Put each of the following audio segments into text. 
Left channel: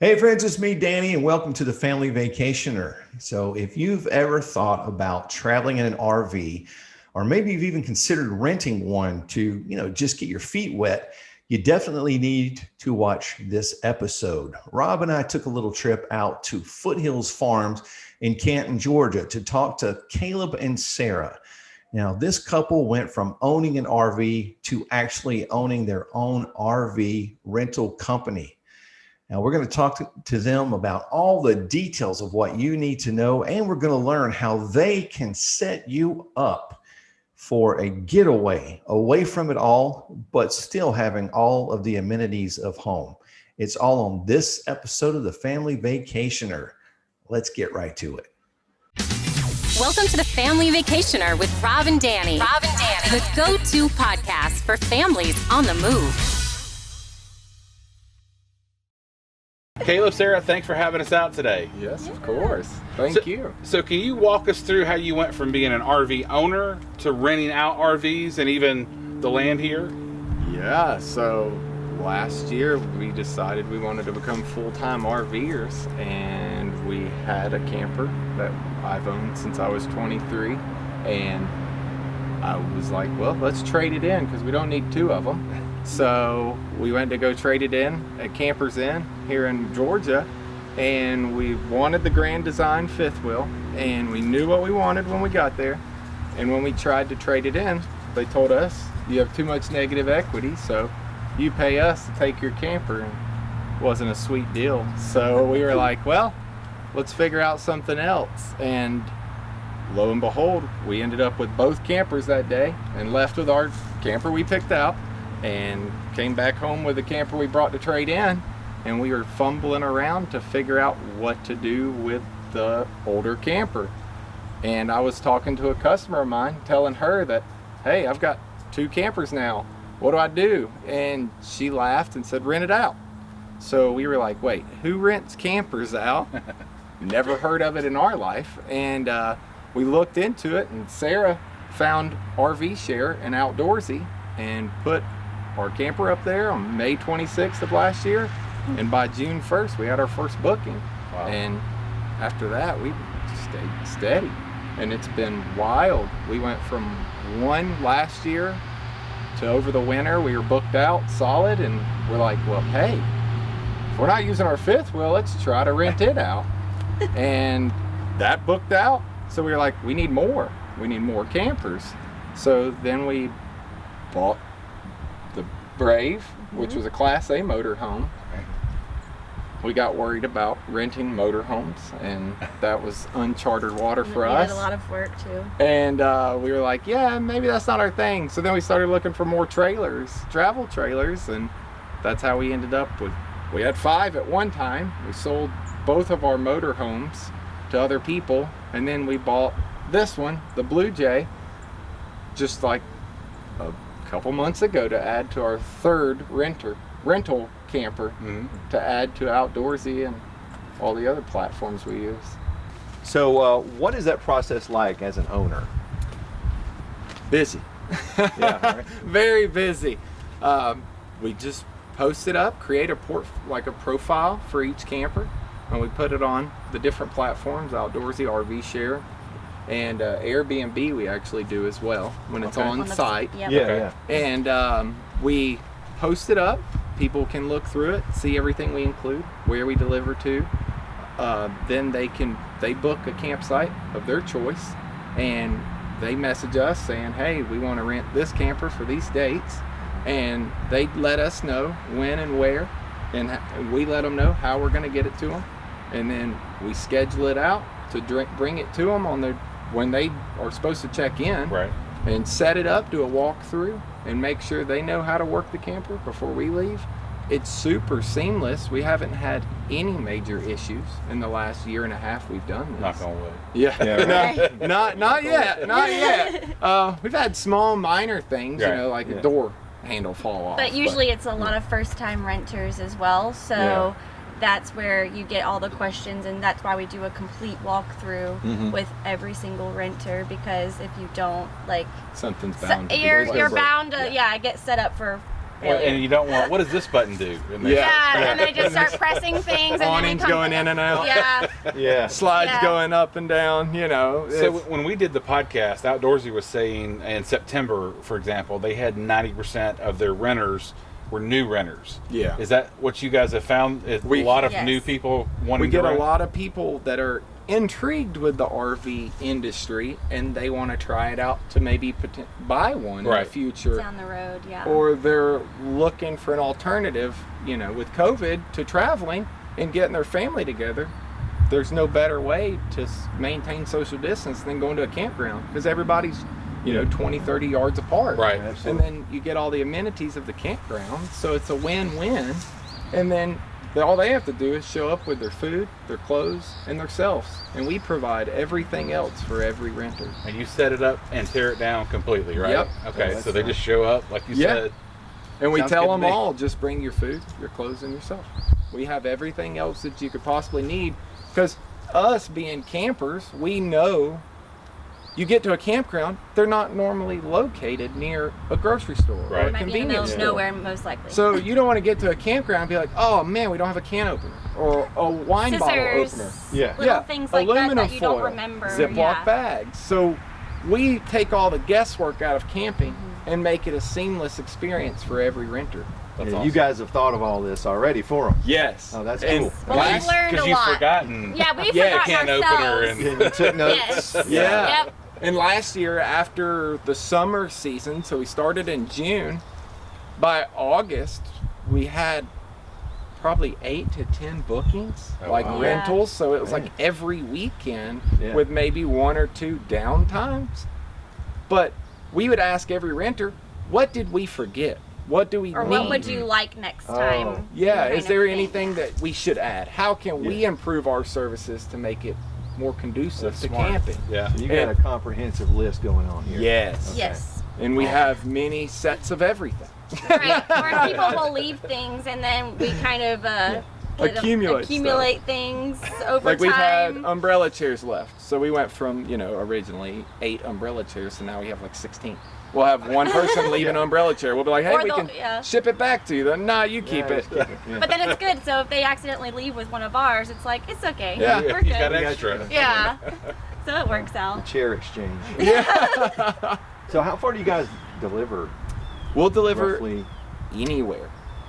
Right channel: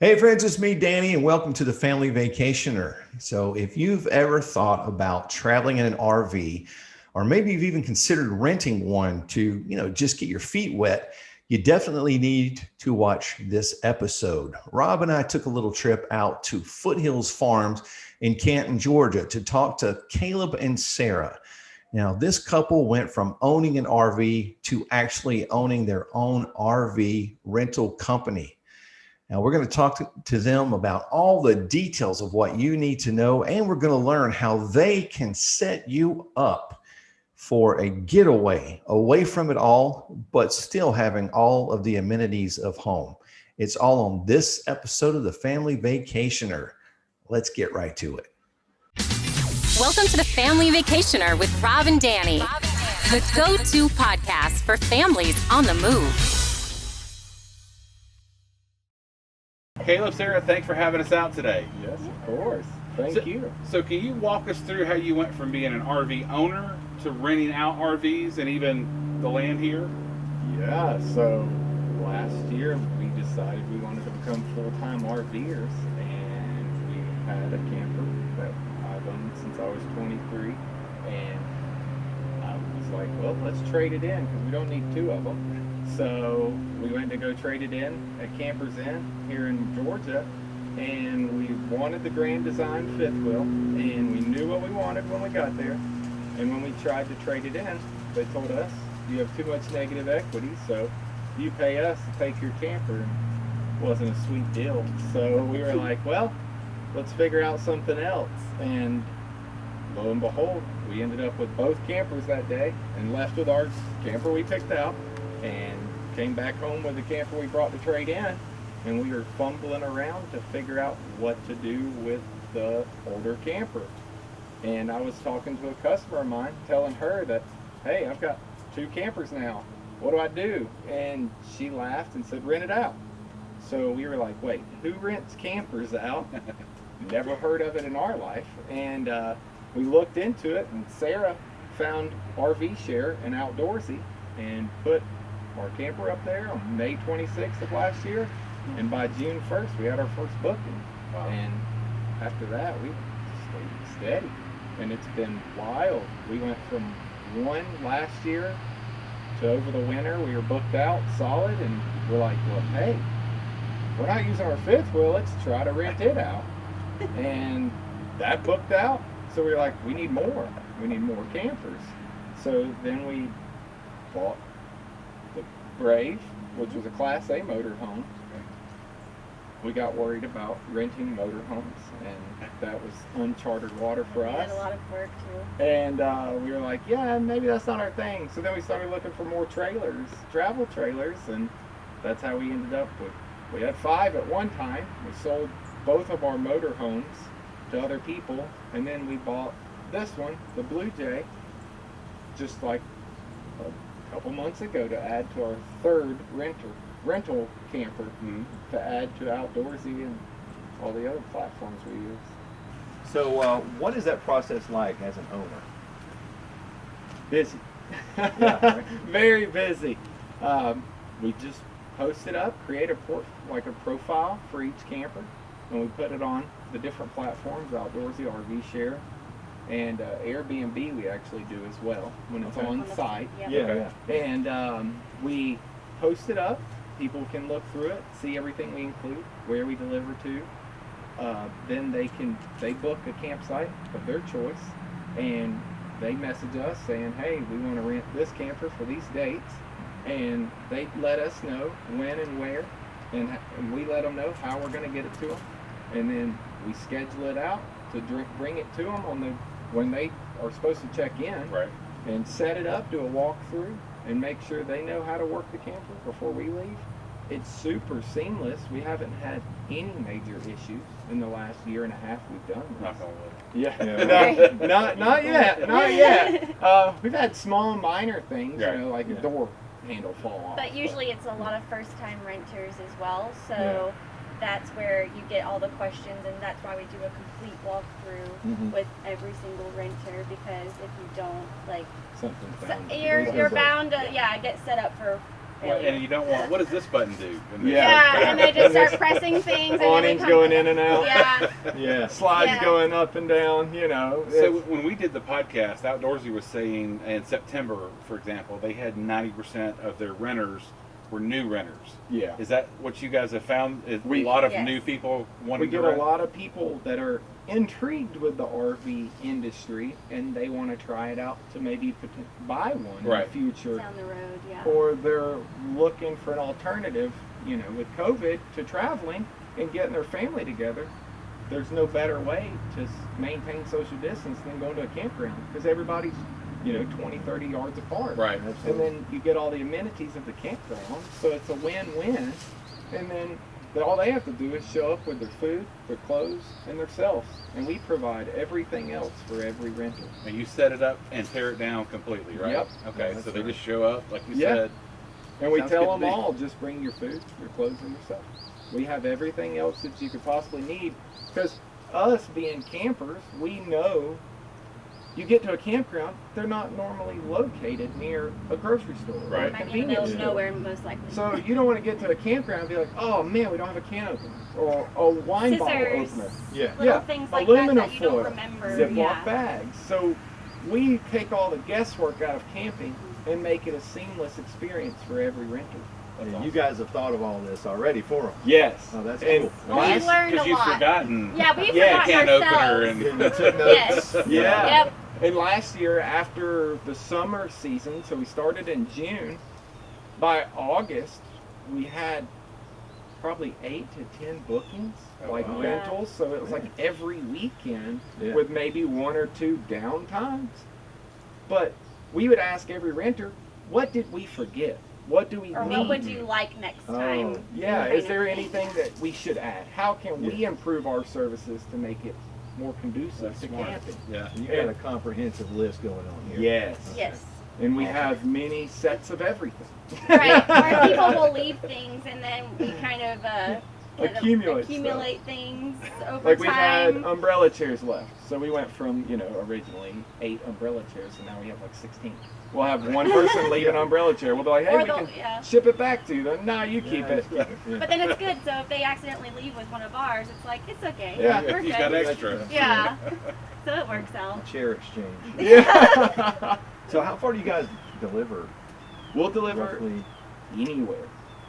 Hey friends, it's me, Danny, and welcome to the Family Vacationer. So, if you've ever thought about traveling in an RV, or maybe you've even considered renting one to, just get your feet wet, you definitely need to watch this episode. Rob and I took a little trip out to Foothills Farms in Canton, Georgia, to talk to Caleb and Sarah. Now, this couple went from owning an RV to actually owning their own RV rental company. Now, we're going to talk to them about all the details of what you need to know, and we're going to learn how they can set you up for a getaway away from it all, but still having all of the amenities of home. It's all on this episode of the Family Vacationer. Let's get right to it. Welcome to the Family Vacationer with Rob and Danny. The go-to podcast for families on the move. Caleb, Sarah, thanks for having us out today. Yes, of course. Thank you. So can you walk us through how you went from being an RV owner to renting out RVs and even the land here? Yeah, so last year we decided we wanted to become full-time RVers, and we had a camper that I've owned since I was 23, and I was like, well, let's trade it in because we don't need two of them. So we went to go trade it in at Campers Inn here in Georgia, and we wanted the Grand Design fifth wheel, and we knew what we wanted when we got there. And when we tried to trade it in, they told us, you have too much negative equity, so you pay us to take your camper. And it wasn't a sweet deal. So we were like, well, let's figure out something else. And lo and behold, we ended up with both campers that day and left with our camper we picked out and came back home with the camper we brought to trade in, and we were fumbling around to figure out what to do with the older camper. And I was talking to a customer of mine, telling her that, hey, I've got two campers now. What do I do? And she laughed and said, rent it out. So we were like, wait, who rents campers out? Never heard of it in our life. And we looked into it, and Sarah found RV Share and Outdoorsy and put our camper up there on May 26th of last year, and by June 1st we had our first booking. Wow. And after that we stayed steady, and it's been wild. We went from one last year to over the winter we were booked out solid, and we're like, well, hey, if we're not using our fifth wheel, let's try to rent it out. And that booked out, so we were like, we need more campers. So then we bought the Brave, which was a Class A motorhome. We got worried about renting motorhomes, and that was uncharted water for us. We had a lot of work too. And we were like, yeah, maybe that's not our thing. So then we started looking for more trailers, travel trailers, and that's how we ended up with, we had 5 at one time. We sold both of our motorhomes to other people, and then we bought this one, the Blue Jay, just like a couple months ago, to add to our third rental camper, to add to Outdoorsy and all the other platforms we use. So, what is that process like as an owner? Busy. Yeah, right. Very busy. We just post it up, create a profile for each camper, and we put it on the different platforms: Outdoorsy, RV Share, and Airbnb we actually do as well when it's on site. Yep. Yeah. And we post it up. People can look through it, see everything we include, where we deliver to. Then they book a campsite of their choice, and they message us saying, hey, we want to rent this camper for these dates. And they let us know when and where, and we let them know how we're going to get it to them. And then we schedule it out to bring it to them when they are supposed to check in, Right. and set it up, do a walkthrough, and make sure they know how to work the camper before we leave. It's super seamless. We haven't had any major issues in the last year and a half we've done this. Knock on wood. Yeah, right. not yet. We've had small minor things, Right. Like a door handle fall off. But usually it's a lot of first-time renters as well, so that's where you get all the questions, and that's why we do a complete walkthrough with every single renter, because if you don't, something's bound to you're break. bound to get set up for failure. And you don't want, what does this button do? And then- Yeah, and they just start pressing things. And Awnings then going in and out. Yeah. Yeah. Slides Yeah. going up and down, you know. So it's- when we did the podcast, Outdoorsy was saying in September, for example, they had 90% of their renters were new renters. Yeah. Is that what you guys have found? Is We- a lot of Yes. new people wanting we get to a rent? lot of people that are intrigued with the RV industry and they want to try it out to maybe buy one in Right. It's the future. down the road, yeah. Or they're looking for an alternative, you know, with COVID to traveling and getting their family together. There's no better way to maintain social distance than going to a campground because everybody's, you know, 20, 30 yards apart. Right. Absolutely. And then you get all the amenities of the campground, so it's a win-win. And then all they have to do is show up with their food, their clothes, and themselves. And we provide everything else for every renter. And you set it up and tear it down completely, right? Yep. Okay, Yeah, so they that's just show up, like you Yeah. said. And we Sounds tell good to them me. all, just bring your food, your clothes, and yourself. We have everything else that you could possibly need. Because us being campers, we know you get to a campground, they're not normally located near a grocery store or Right. a Might be in the middle convenience of store. nowhere, most likely. So you don't want to get to a campground and be like, oh man, we don't have a can opener or a wine bottle Scissors, opener. Yeah. little things like aluminum that you foil, don't remember. Ziploc yeah. bags. So we take all the guesswork out of camping and make it a seamless experience for every renter. That's Yeah, awesome. You guys have thought of all this already for them. Yes. Oh, that's And cool. Well, last- we've learned a Because you've lot. forgotten. Yeah, we've Yeah, forgotten can opener ourselves. and- Yeah, you took notes. Yes. Yeah. Yep. And last year, after the summer season, so we started in June, by August, we had probably 8 to 10 bookings, Oh, like wow. rentals. So it was Man. like every weekend Yeah. with maybe 1 or 2 downtimes. But we would ask every renter, what did we forget? What do we Or need? what would you like next time? Yeah, kind is of there thing. anything that we should add? How can we Yeah. improve our services to make it more conducive That's to smart. camping? Yeah. You got a comprehensive list going on here. Yes. Okay. Yes. And we have many sets of everything. Right. Where people will leave things and then we kind of Accumulate things over Like we've had time. umbrella chairs left. So we went from, originally 8 umbrella chairs to now we have like 16. We'll have one person leave an umbrella chair. We'll be like, hey, Or we they'll- can yeah. ship it back to you. Then, nah, you keep Yeah, it. just keep it. Yeah. But then it's good. So if they accidentally leave with one of ours, it's like, it's okay. Yeah. We're He's got good. extra. Yeah. So it works The out. chair exchange. Yeah. So how far do you guys deliver? We'll deliver Roughly? anywhere.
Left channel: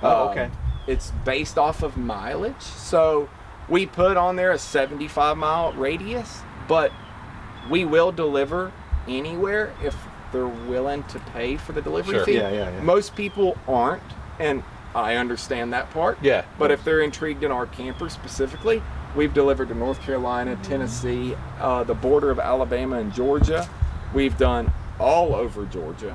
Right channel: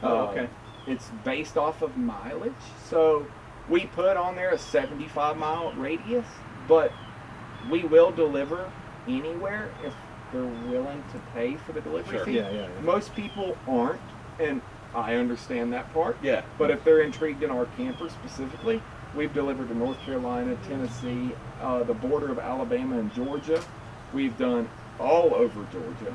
Oh, okay. It's based off of mileage. So we put on there a 75-mile radius, but we will deliver anywhere if they're willing to pay for the delivery Sure. fee. Yeah. Most people aren't, and I understand that part. Yeah. But if they're intrigued in our camper specifically, we've delivered to North Carolina, Tennessee, the border of Alabama and Georgia. We've done all over Georgia,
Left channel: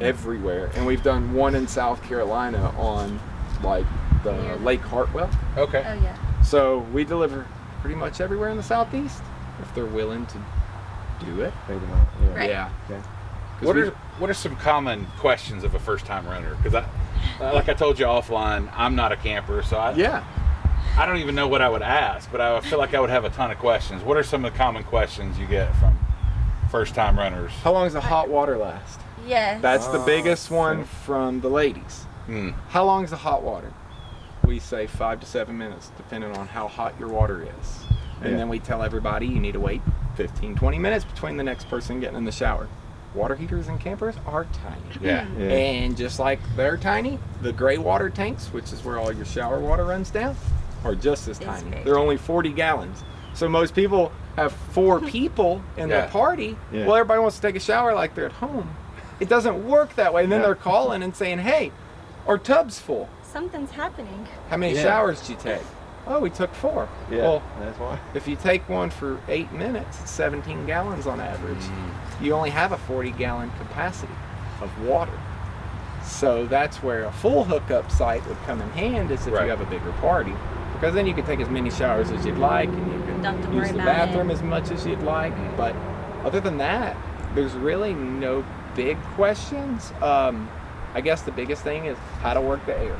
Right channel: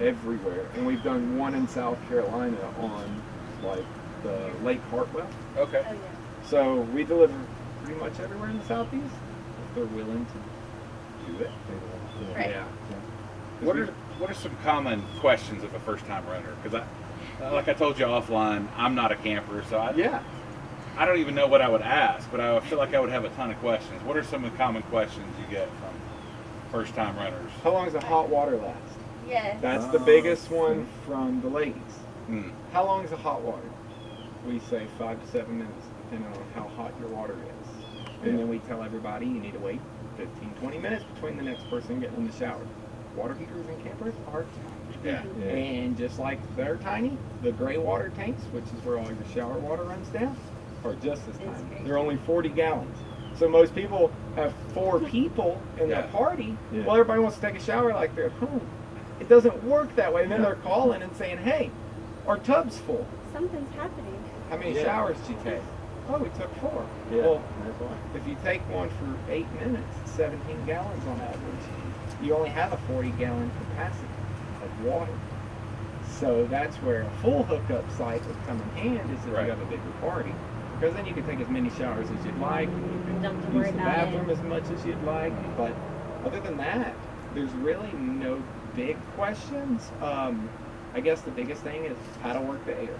everywhere. And we've done one in South Carolina on like the Lake Hartwell. Okay. Oh yeah. So we deliver pretty much everywhere in the Southeast if they're willing to do it. Pay them out. Yeah. Right. Yeah. Okay. 'Cause What are some common questions of a first-time renter? Because like I told you offline, I'm not a camper, so I don't even know what I would ask, but I feel like I would have a ton of questions. What are some of the common questions you get from first-time renters? How long does the hot water last? Yes. That's the Oh, biggest one sure. from the ladies. Hmm. How long is the hot water? We say 5 to 7 minutes, depending on how hot your water is. And Yeah. then we tell everybody you need to wait 15, 20 minutes between the next person getting in the shower. Water heaters in campers are tiny. Yeah. Yeah. And just like they're tiny, the gray water tanks, which is where all your shower water runs down, are just as It's tiny. big. They're only 40 gallons. So most people have 4 people in Yeah. their party. Yeah. Well, everybody wants to take a shower like they're at home. It doesn't work that way. And then Yeah. they're calling and saying, hey, our tub's full. Something's happening. How many Yeah. showers did you take? Oh, we took 4. Yeah. Well, That's why. if you take one for 8 minutes, it's 17 gallons on average. You only have a 40-gallon capacity of water. So that's where a full hookup site would come in hand is if Right. you have a bigger party. Because then you can take as many showers as you'd like and you Don't have can to use worry the about bathroom it. as much as you'd like. But other than that, there's really no big questions. I guess the biggest thing is how to work the air,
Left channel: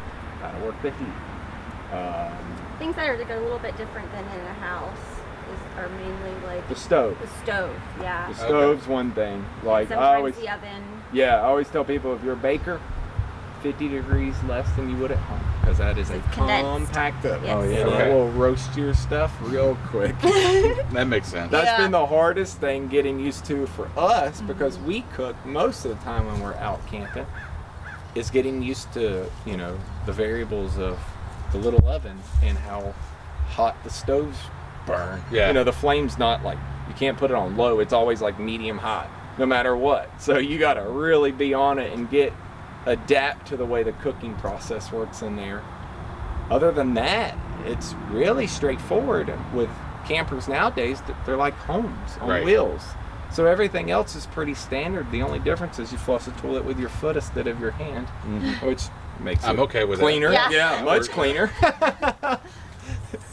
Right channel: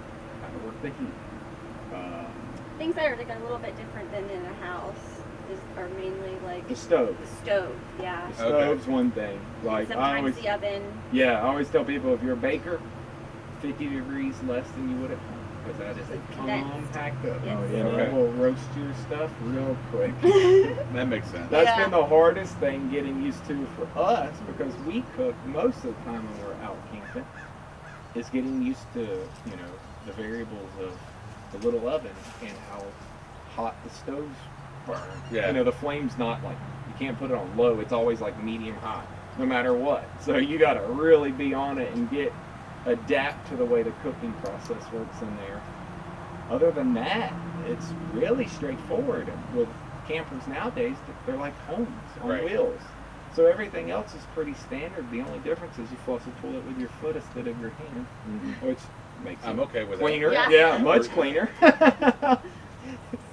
how to work the heat. Things that are like a little bit different than in a house are mainly like The stove. the stove. Yeah. The stove's one thing. Like I Sometimes always, the oven. yeah, I always tell people if you're a baker, 50 degrees less than you would at home, because that is a It's condensed. compact oven. Yes. Oh, yeah. So Okay. it will roast your stuff real quick. That makes sense. That's Yeah. been the hardest thing getting used to for us, because we cook most of the time when we're out camping, is getting used to, you know, the variables of the little oven and how hot the stoves burn. Yeah. You know, the flame's not like, you can't put it on low, it's always like medium hot, no matter what. So you gotta really be on it and adapt to the way the cooking process works in there. Other than that, it's really straightforward. With campers nowadays, they're like homes on Right. wheels. So everything else is pretty standard. The only difference is you flush the toilet with your foot instead of your hand, which makes I'm it okay with cleaner. that. Yeah. Yeah, much cleaner.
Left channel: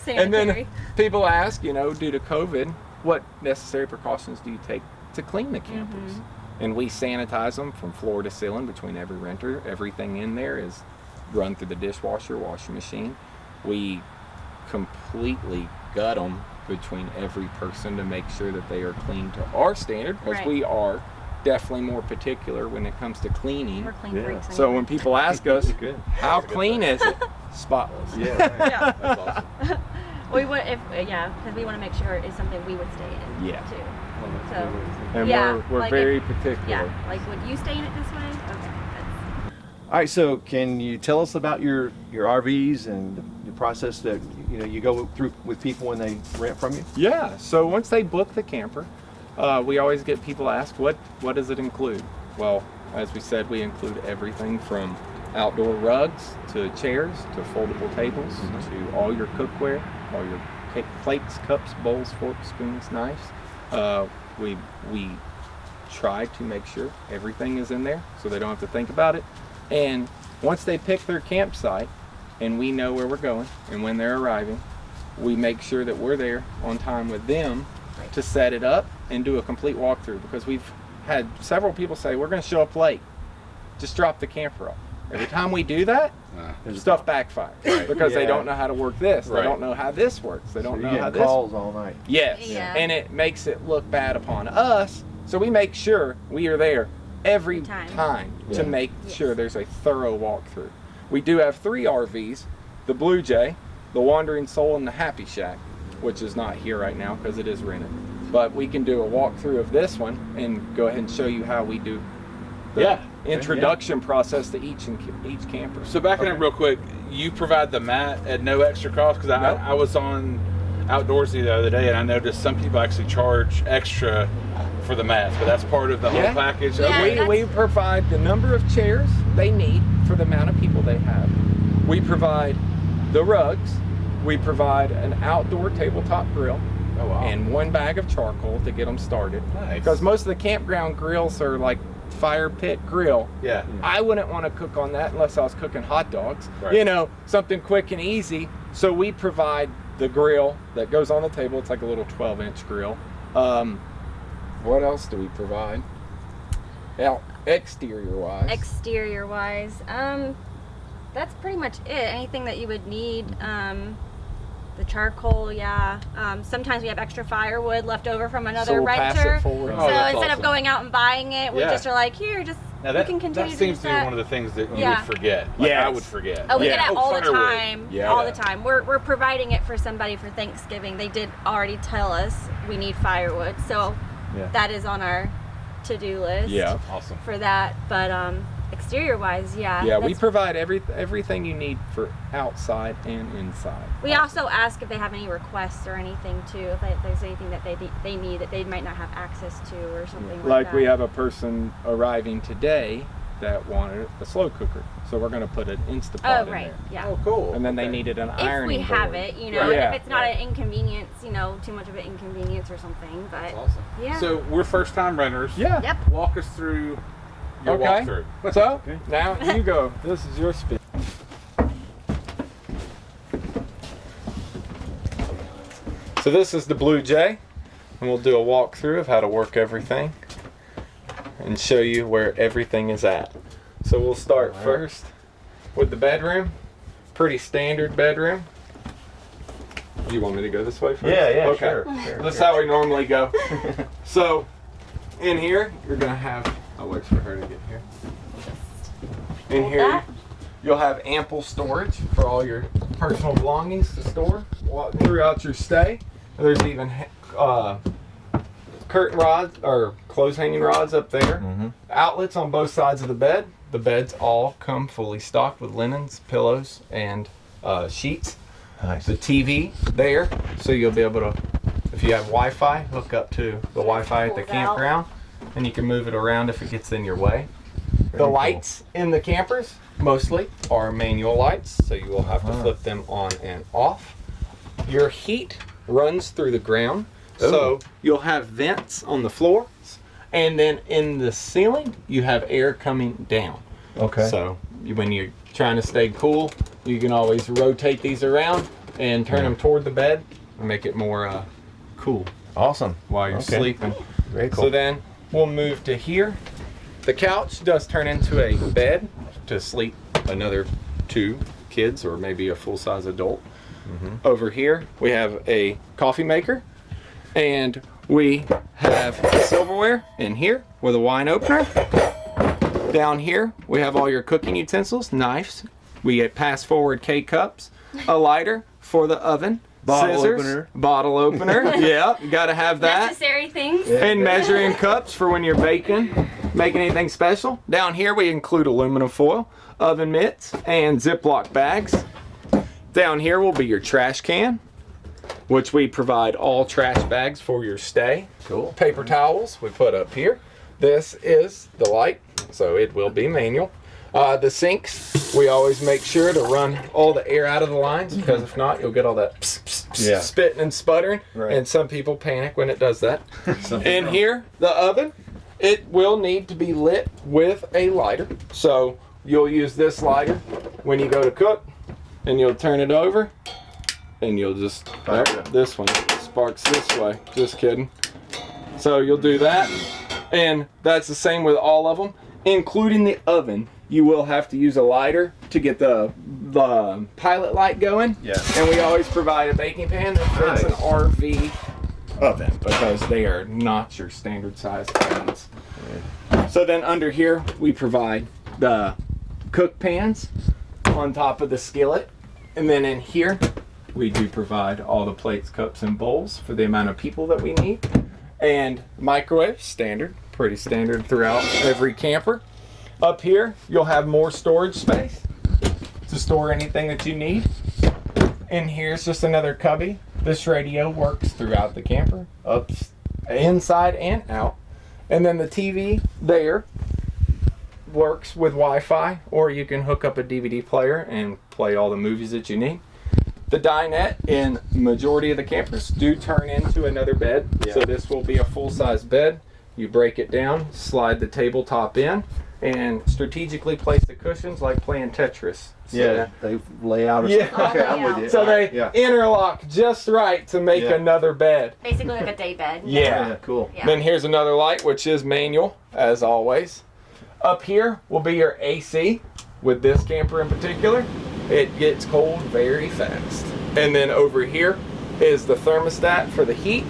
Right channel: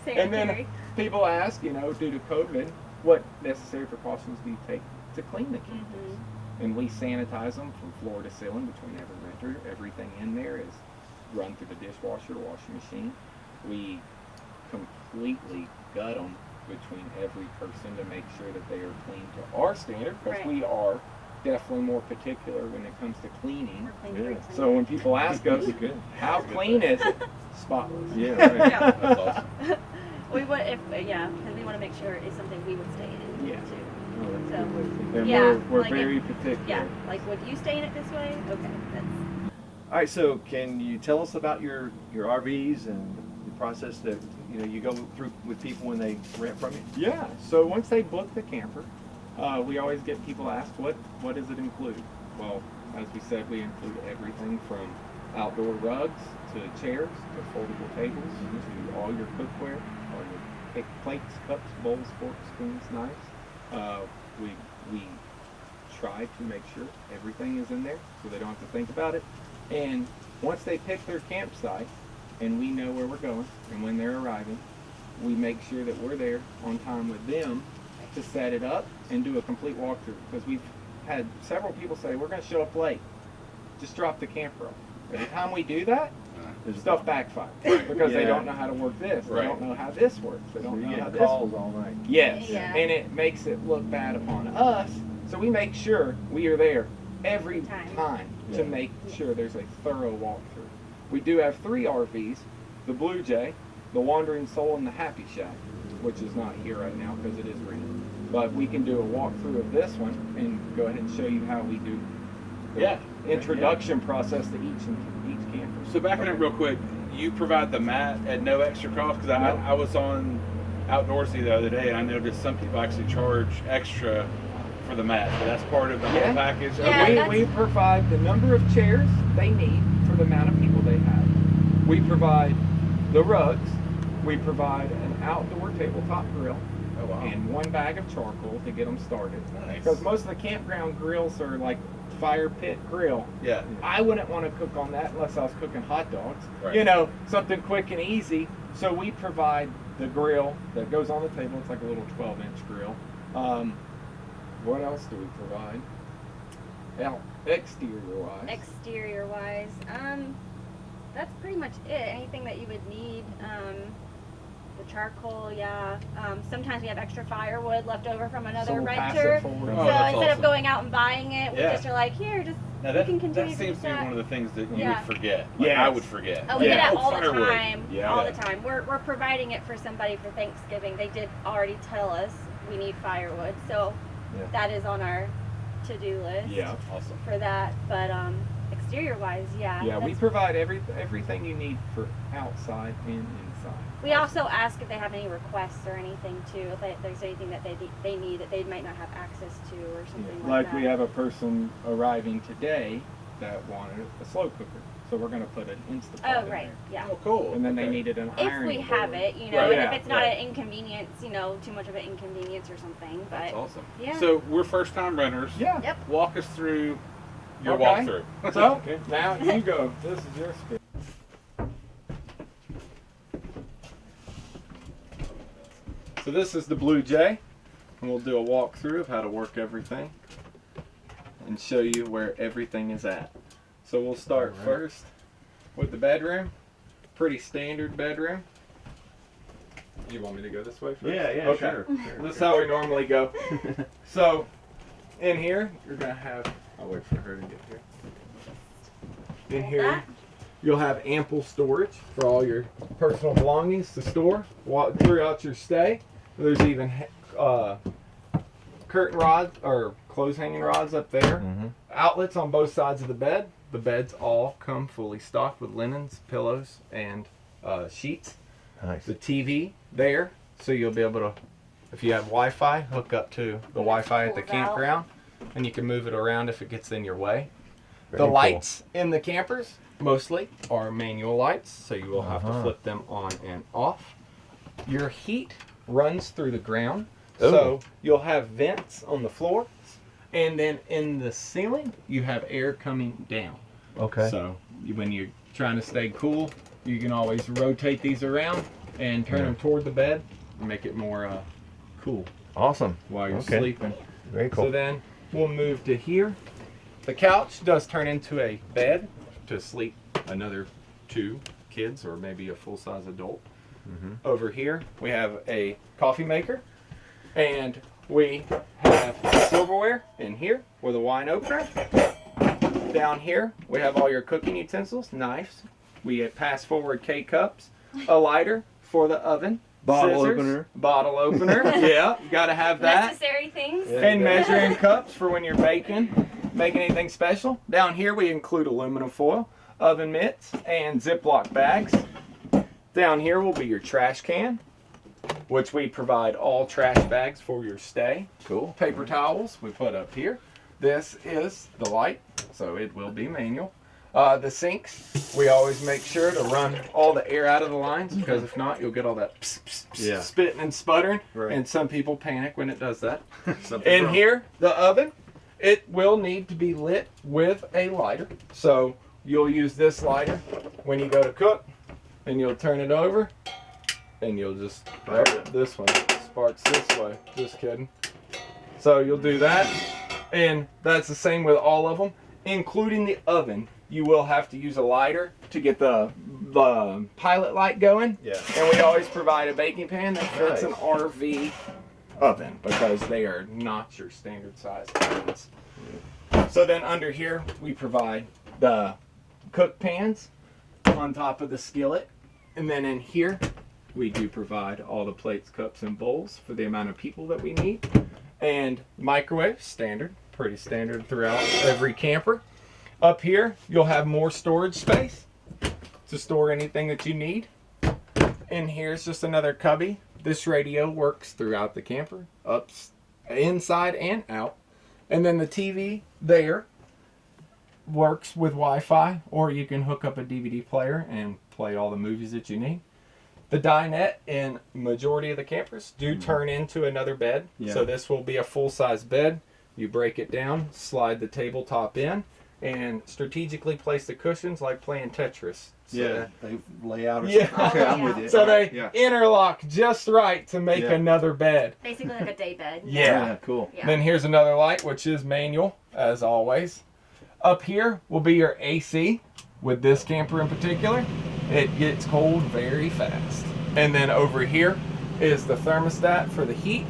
Sanitary. And then people ask, you know, due to COVID, what necessary precautions do you take to clean the campers? And we sanitize them from floor to ceiling between every renter. Everything in there is run through the dishwasher, washing machine. We completely gut them between every person to make sure that they are clean to our standard, because Right. we are definitely more particular when it comes to cleaning. We're clean Yeah. freaks. So when people ask us, That's good. how clean is it? Spotless. Yeah, right. Yeah. That's awesome. We would, because we want to make sure it's something we would stay in. Yeah. Too. Well, that's So, a good way to- And Yeah, we're like very if- particular. Yeah. Like, would you stay in it this way? Okay. That's, All right, so can you tell us about your RVs and the process that you go through with people when they rent from you? Yeah, so once they book the camper, we always get people ask, what does it include? Well, as we said, we include everything from outdoor rugs to chairs to foldable tables to all your cookware, all your plates, cups, bowls, forks, spoons, knives. We try to make sure everything is in there so they don't have to think about it. And once they pick their campsite and we know where we're going and when they're arriving, we make sure that we're there on time with them to set it up and do a complete walkthrough, because we've had several people say, we're going to show up late, just drop the camper off. Every time we do that, stuff backfires because they Yeah. don't know how to work this. They Right. don't know how this works. They So don't you know how get this calls all night. Yes, Yeah. and it makes it look bad upon us. So we make sure we are there every time to Yeah. make Yes. sure there's a thorough walkthrough. We do have 3 RVs, the Blue Jay, the Wandering Soul, and the Happy Shack, which is not here right now because it is rented. But we can do a walkthrough of this one and go ahead and show you how we do the Yeah. introduction process to each camper. So backing up real quick, you provide the mat at no extra cost? Because Nope. I was on Outdoorsy the other day and I noticed some people actually charge extra for the mat, but that's part of the Yeah. whole package. Yeah, Okay. that's- We provide the number of chairs they need for the amount of people they have. We provide the rugs. We provide an outdoor tabletop grill Oh, wow. and 1 bag of charcoal to get them started. Nice. Because most of the campground grills are like fire pit grill. Yeah. I wouldn't want to cook on that unless I was cooking hot dogs. Right. You know, something quick and easy. So we provide the grill that goes on the table. It's like a little 12-inch grill. What else do we provide? Now, exterior-wise. exterior wise, that's pretty much it. Anything that you would need. The charcoal, yeah. Sometimes we have extra firewood left over from So another we'll pass renter. it forward. Oh, So that's instead awesome. of going out and buying it, we Yeah. just are like, here, just Now you that, can continue that to seems use to be that. one of the things that you Yeah. would forget. Like Yes. I would forget. Oh, we get Yeah. that all the Firewood. time. Yeah. All the time. We're providing it for somebody for Thanksgiving. They did already tell us we need firewood, so Yeah. that is on our to-do list. Yeah. Awesome. For that, but exterior wise, yeah. Yeah, we that's- provide everything you need for outside and inside. We also ask if they have any requests or anything too. If there's anything that they need that they might not have access to or something like Like that. we have a person arriving today that wanted a slow cooker, so we're going to put an Instapot Oh in right, there. yeah. Oh, cool. And then they Okay. needed an If ironing we have board. it, you know, Right, yeah, if it's not right. an inconvenience, you know, too much of an inconvenience or something. But That's awesome. Yeah. So we're first-time renters. Yeah. Yep. Walk us through your Okay. walkthrough. So Okay. now you go. This is your spin. So this is the Blue Jay, and we'll do a walkthrough of how to work everything and show you where everything is at. So we'll start first with the bedroom. Pretty standard bedroom. Do you want me to go this way first? Yeah, Okay. sure. That's how we normally go. So in here, you're gonna have, I'll wait for her to get here. In hold here, that. You'll have ample storage for all your personal belongings to store throughout your stay. There's even curtain rods or clothes hanging rods up there. Outlets on both sides of the bed. The beds all come fully stocked with linens, pillows, and sheets. Nice. The TV there, so you'll be able to, if you have Wi-Fi, hook up to the Wi-Fi at the campground, and you can move it around if it gets in your way. The lights in the campers mostly are manual lights, so you will have to flip them on and off. Your heat runs through the ground, so you'll have vents on the floor, and then in the ceiling you have air coming down. Okay. So when you're trying to stay cool, you can always rotate these around and turn them toward the bed and make it more cool Awesome. while you're sleeping. Very cool. So then we'll move to here. The couch does turn into a bed to sleep another 2 kids or maybe a full-size adult. Over here we have a coffee maker, and we have silverware in here with a wine opener. Down here we have all your cooking utensils, knives. We get pass-forward K-cups, a lighter for the oven, scissors, bottle opener. Yeah, you gotta have that. Necessary things. And measuring cups for when you're baking, making anything special. Down here we include aluminum foil, oven mitts, and Ziploc bags. Down here will be your trash can, which we provide all trash bags for your stay. Cool. Paper towels we put up here. This is the light, so it will be manual. The sinks, we always make sure to run all the air out of the lines, because if not, you'll get all that spitting and sputtering, and some people panic when it does that. In here, the oven, it will need to be lit with a lighter. So you'll use this lighter when you go to cook, and you'll turn it over, and you'll just, this one sparks this way. Just kidding. So you'll do that, and that's the same with all of them, including the oven. You will have to use a lighter to get the pilot light going. Yeah. And we always provide a baking pan that fits an RV oven, because they are not your standard size ovens. So then under here we provide the cook pans on top of the skillet, and then in here we do provide all the plates, cups, and bowls for the amount of people that we need. And microwave, standard, pretty standard throughout every camper. Up here you'll have more storage space to store anything that you need. In here's just another cubby. This radio works throughout the camper, up, inside and out. And then the TV there works with Wi-Fi, or you can hook up a DVD player and play all the movies that you need. The dinette in majority of the campers do turn into another bed. So this will be a full-size bed. You break it down, slide the tabletop in, and strategically place the cushions like playing Tetris. So they lay out. Yeah. Okay, I'm with you. So they interlock just right to make another bed. Basically like a day bed. Yeah. Cool. Yeah. Then here's another light, which is manual, as always. Up here will be your AC. With this camper in particular, it gets cold very fast. And then over here is the thermostat for the heat,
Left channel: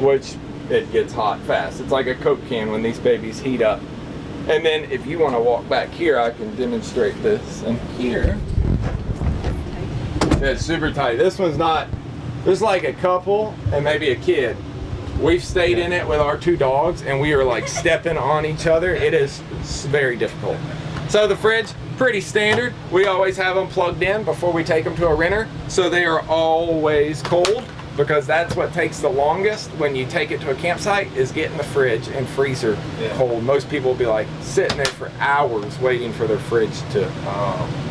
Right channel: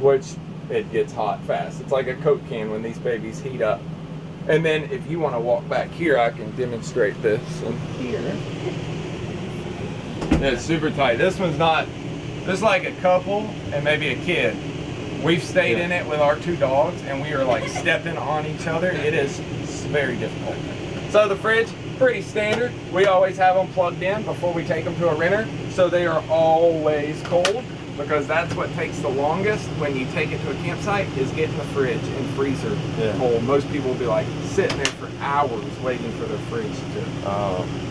which it gets hot fast. It's like a Coke can when these babies heat up. And then if you want to walk back here, I can demonstrate this. And here, it's super tight. This one's not, this is like a couple and maybe a kid. We've stayed in it with our 2 dogs, and we are like stepping on each other. It is very difficult. So the fridge, pretty standard. We always have them plugged in before we take them to a renter, so they are always cold, because that's what takes the longest when you take it to a campsite, is getting the fridge and freezer cold. Most people will be like sitting there for hours waiting for their fridge to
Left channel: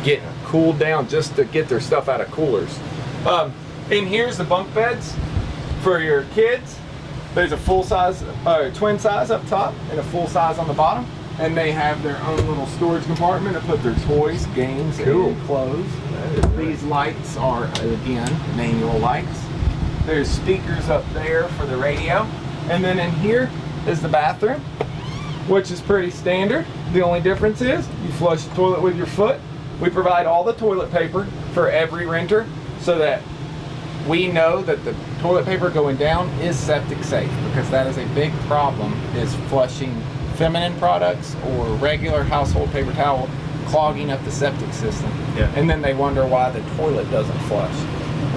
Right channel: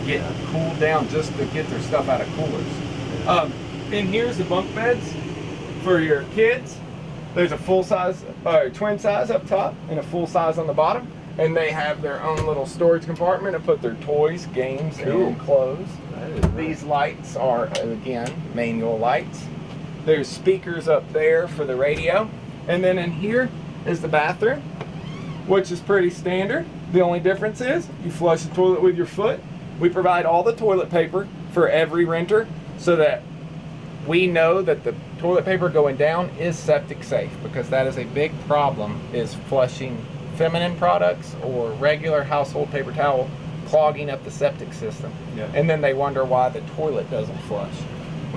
get cooled down just to get their stuff out of coolers. And here's the bunk beds for your kids. There's a full size, twin size up top and a full size on the bottom. And they have their own little storage compartment to put their toys, games, and clothes. These lights are, again, manual lights. There's speakers up there for the radio. And then in here is the bathroom, which is pretty standard. The only difference is you flush the toilet with your foot. We provide all the toilet paper for every renter, so that we know that the toilet paper going down is septic safe, because that is a big problem, is flushing feminine products or regular household paper towel clogging up the septic system. Yeah. And then they wonder why the toilet doesn't flush.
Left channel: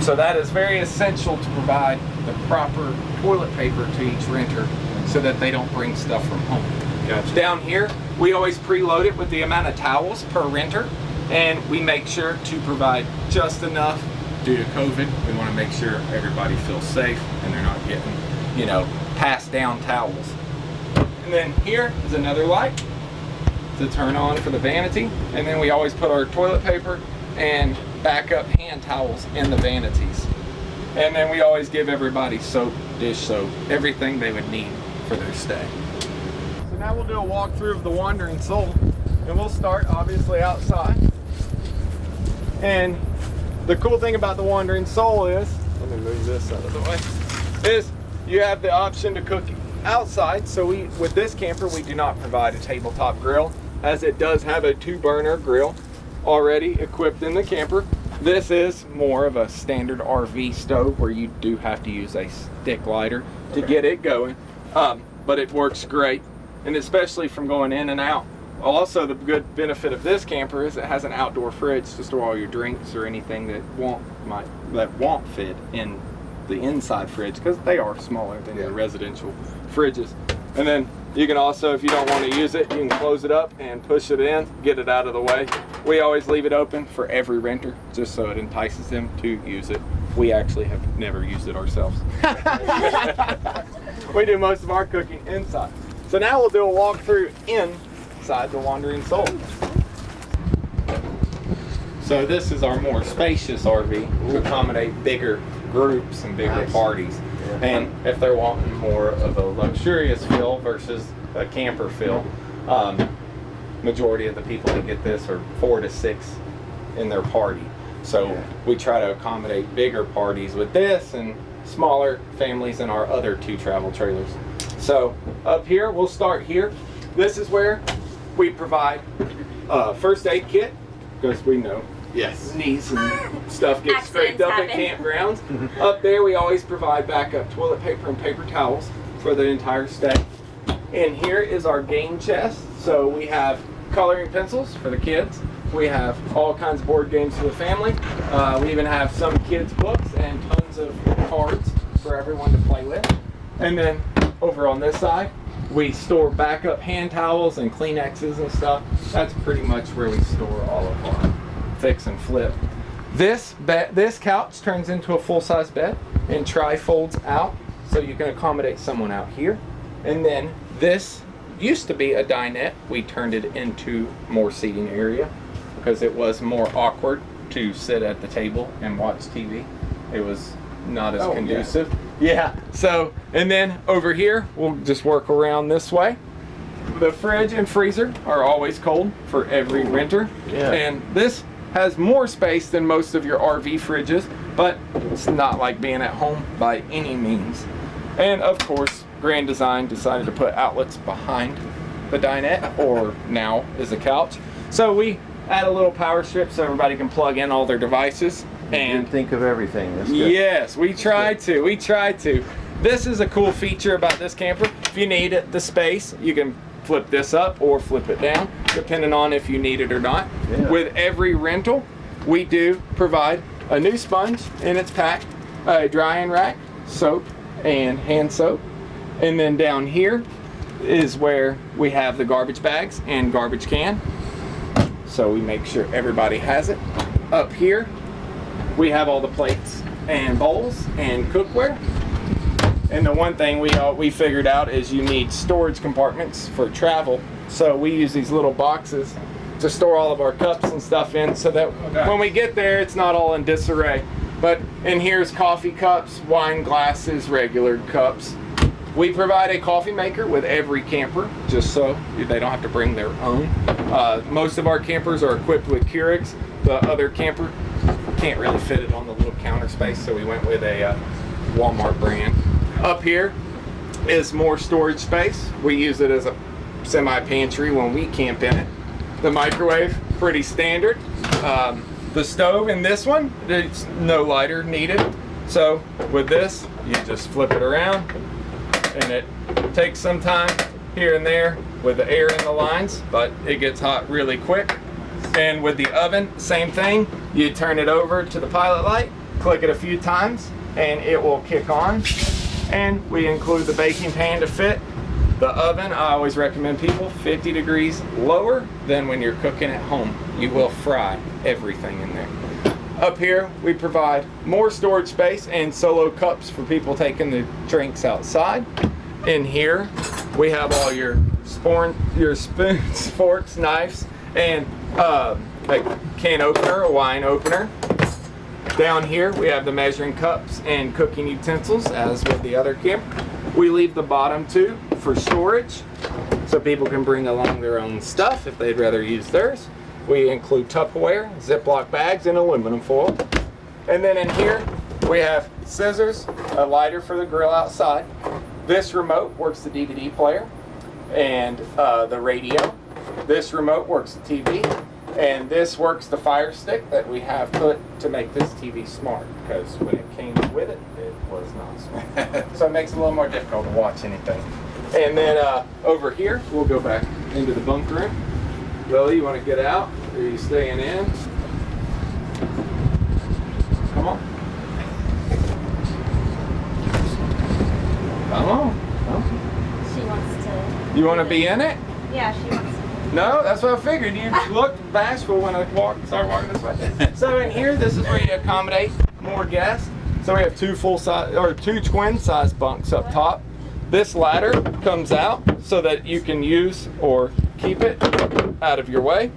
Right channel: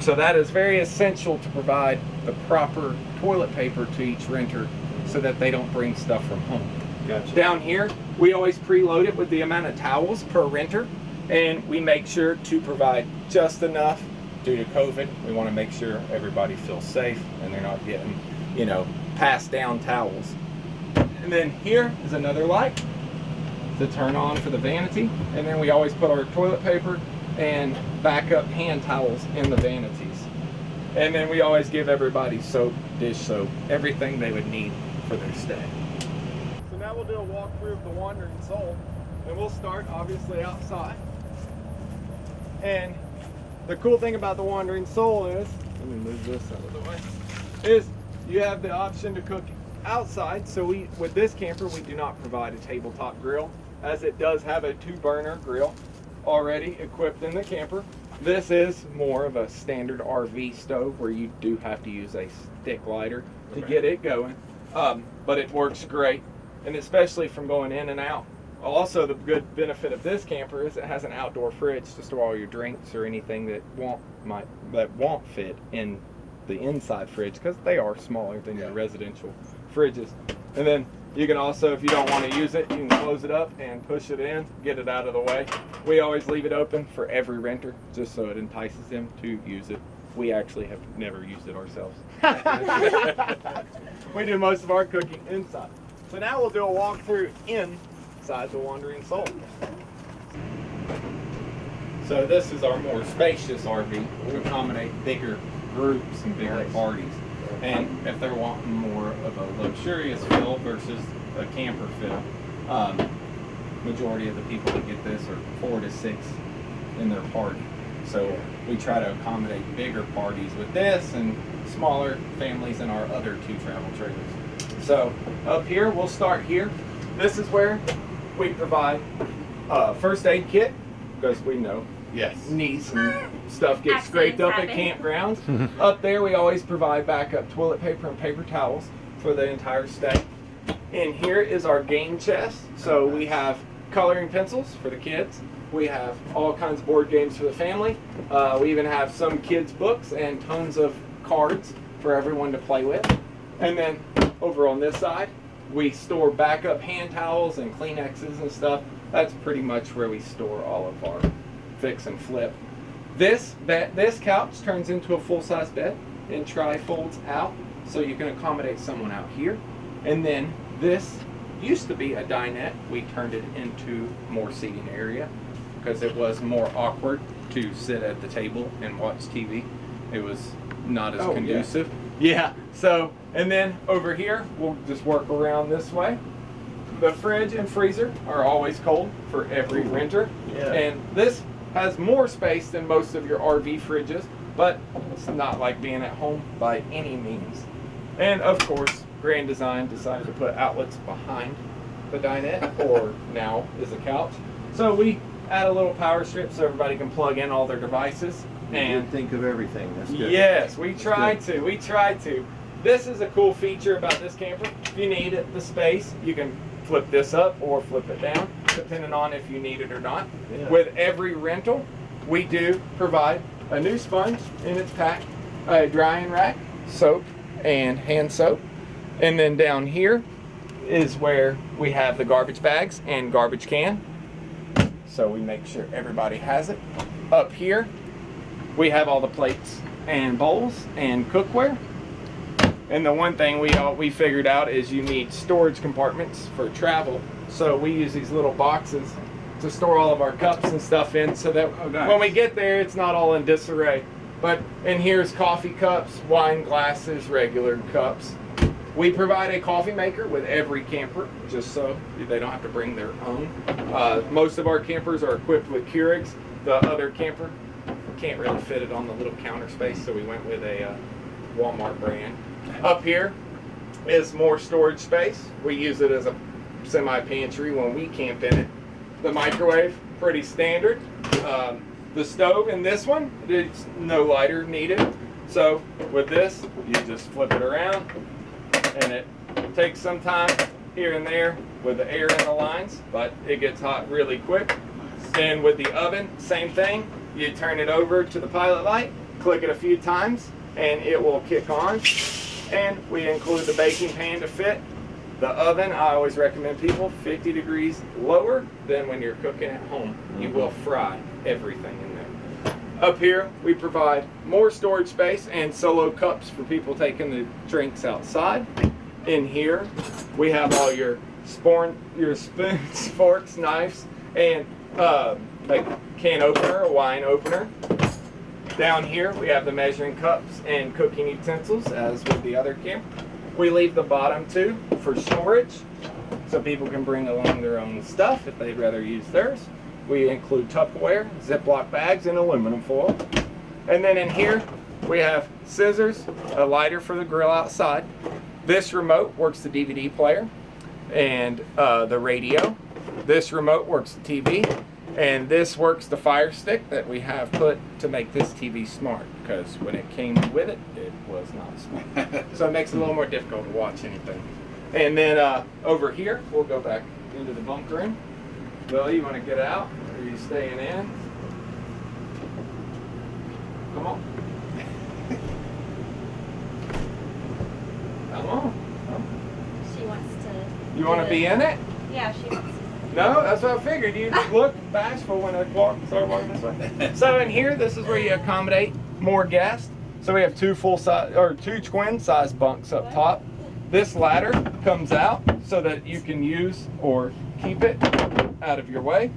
So that is very essential to provide the proper toilet paper to each renter so that they don't bring stuff from home. Gotcha. Down here, we always preload it with the amount of towels per renter, and we make sure to provide just enough. Due to COVID, we want to make sure everybody feels safe and they're not getting, you know, passed down towels. And then here is another light to turn on for the vanity, and then we always put our toilet paper and backup hand towels in the vanities. And then we always give everybody soap, dish soap, everything they would need for their stay. So now we'll do a walkthrough of the Wandering Soul, and we'll start obviously outside. And the cool thing about the Wandering Soul is, let me move this out of the way, is you have the option to cook outside. So with this camper, we do not provide a tabletop grill, as it does have a 2-burner grill already equipped in the camper. This is more of a standard RV stove where you do have to use a stick lighter to get it going, but it works great, and especially from going in and out. Also, the good benefit of this camper is it has an outdoor fridge to store all your drinks or anything that won't fit in the inside fridge, because they are smaller than your residential fridges. And then you can also, if you don't want to use it, you can close it up and push it in, get it out of the way. We always leave it open for every renter just so it entices them to use it. We actually have never used it ourselves. We do most of our cooking inside. So now we'll do a walkthrough inside the Wandering Soul. So this is our more spacious RV to accommodate bigger groups and bigger parties. And if they're wanting more of a luxurious feel versus a camper feel, majority of the people that get this are 4 to 6 in their party. So we try to accommodate bigger parties with this and smaller families in our other 2 travel trailers. So up here, we'll start here. This is where we provide a first aid kit, because we know knees and stuff get scraped up at campgrounds. Up there, we always provide backup toilet paper and paper towels for the entire stay. And here is our game chest. So we have coloring pencils for the kids. We have all kinds of board games for the family. We even have some kids' books and tons of cards for everyone to play with. And then over on this side, we store backup hand towels and Kleenexes and stuff. That's pretty much where we store all of our fix and flip. This couch turns into a full-size bed and tri-folds out, so you can accommodate someone out here. And then this used to be a dinette. We turned it into more seating area because it was more awkward to sit at the table and watch TV. It was not as conducive. Yeah. So, and then over here, we'll just work around this way. The fridge and freezer are always cold for every renter. Yeah. And this has more space than most of your RV fridges, but it's not like being at home by any means. And of course, Grand Design decided to put outlets behind the dinette, or now is a couch. So we add a little power strip so everybody can plug in all their devices. And think of everything. That's good. Yes, we try to. This is a cool feature about this camper. If you need the space, you can flip this up or flip it down, depending on if you need it or not. Yeah. With every rental, we do provide a new sponge in its pack, a drying rack, soap, and hand soap. And then down here is where we have the garbage bags and garbage can. So we make sure everybody has it. Up here, we have all the plates and bowls and cookware. And the one thing we figured out is you need storage compartments for travel. So we use these little boxes to store all of our cups and stuff in, so that when we get there, it's not all in disarray. But in here's coffee cups, wine glasses, regular cups. We provide a coffee maker with every camper, just so they don't have to bring their own. Most of our campers are equipped with Keurigs. The other camper can't really fit it on the little counter space, so we went with a Walmart brand. Up here is more storage space. We use it as a semi-pantry when we camp in it. The microwave, pretty standard. The stove in this one, it's no lighter needed. So with this, you just flip it around, and it takes some time here and there with the air in the lines, but it gets hot really quick. And with the oven, same thing. You turn it over to the pilot light, click it a few times, and it will kick on. And we include the baking pan to fit. The oven, I always recommend people 50 degrees lower than when you're cooking at home. You will fry everything in there. Up here, we provide more storage space and solo cups for people taking the drinks outside. In here, we have all your spoons, forks, knives, and like can opener, a wine opener. Down here, we have the measuring cups and cooking utensils, as with the other camp. We leave the bottom two for storage, so people can bring along their own stuff if they'd rather use theirs. We include Tupperware, Ziploc bags, and aluminum foil. And then in here, we have scissors, a lighter for the grill outside. This remote works the DVD player and the radio. This remote works the TV. And this works the Fire Stick that we have put to make this TV smart, because when it came with it, it was not smart. So it makes it a little more difficult to watch anything. And then over here, we'll go back into the bunk room. Willie, you want to get out? Or are you staying in? Come on. Come on. She wants to. You want to be in it? Yeah, she wants to. No, that's what I figured. You look bashful when I start walking this way. So in here, this is where you accommodate more guests. So we have two twin size bunks up top. This ladder comes out so that you can use or keep it out of your way.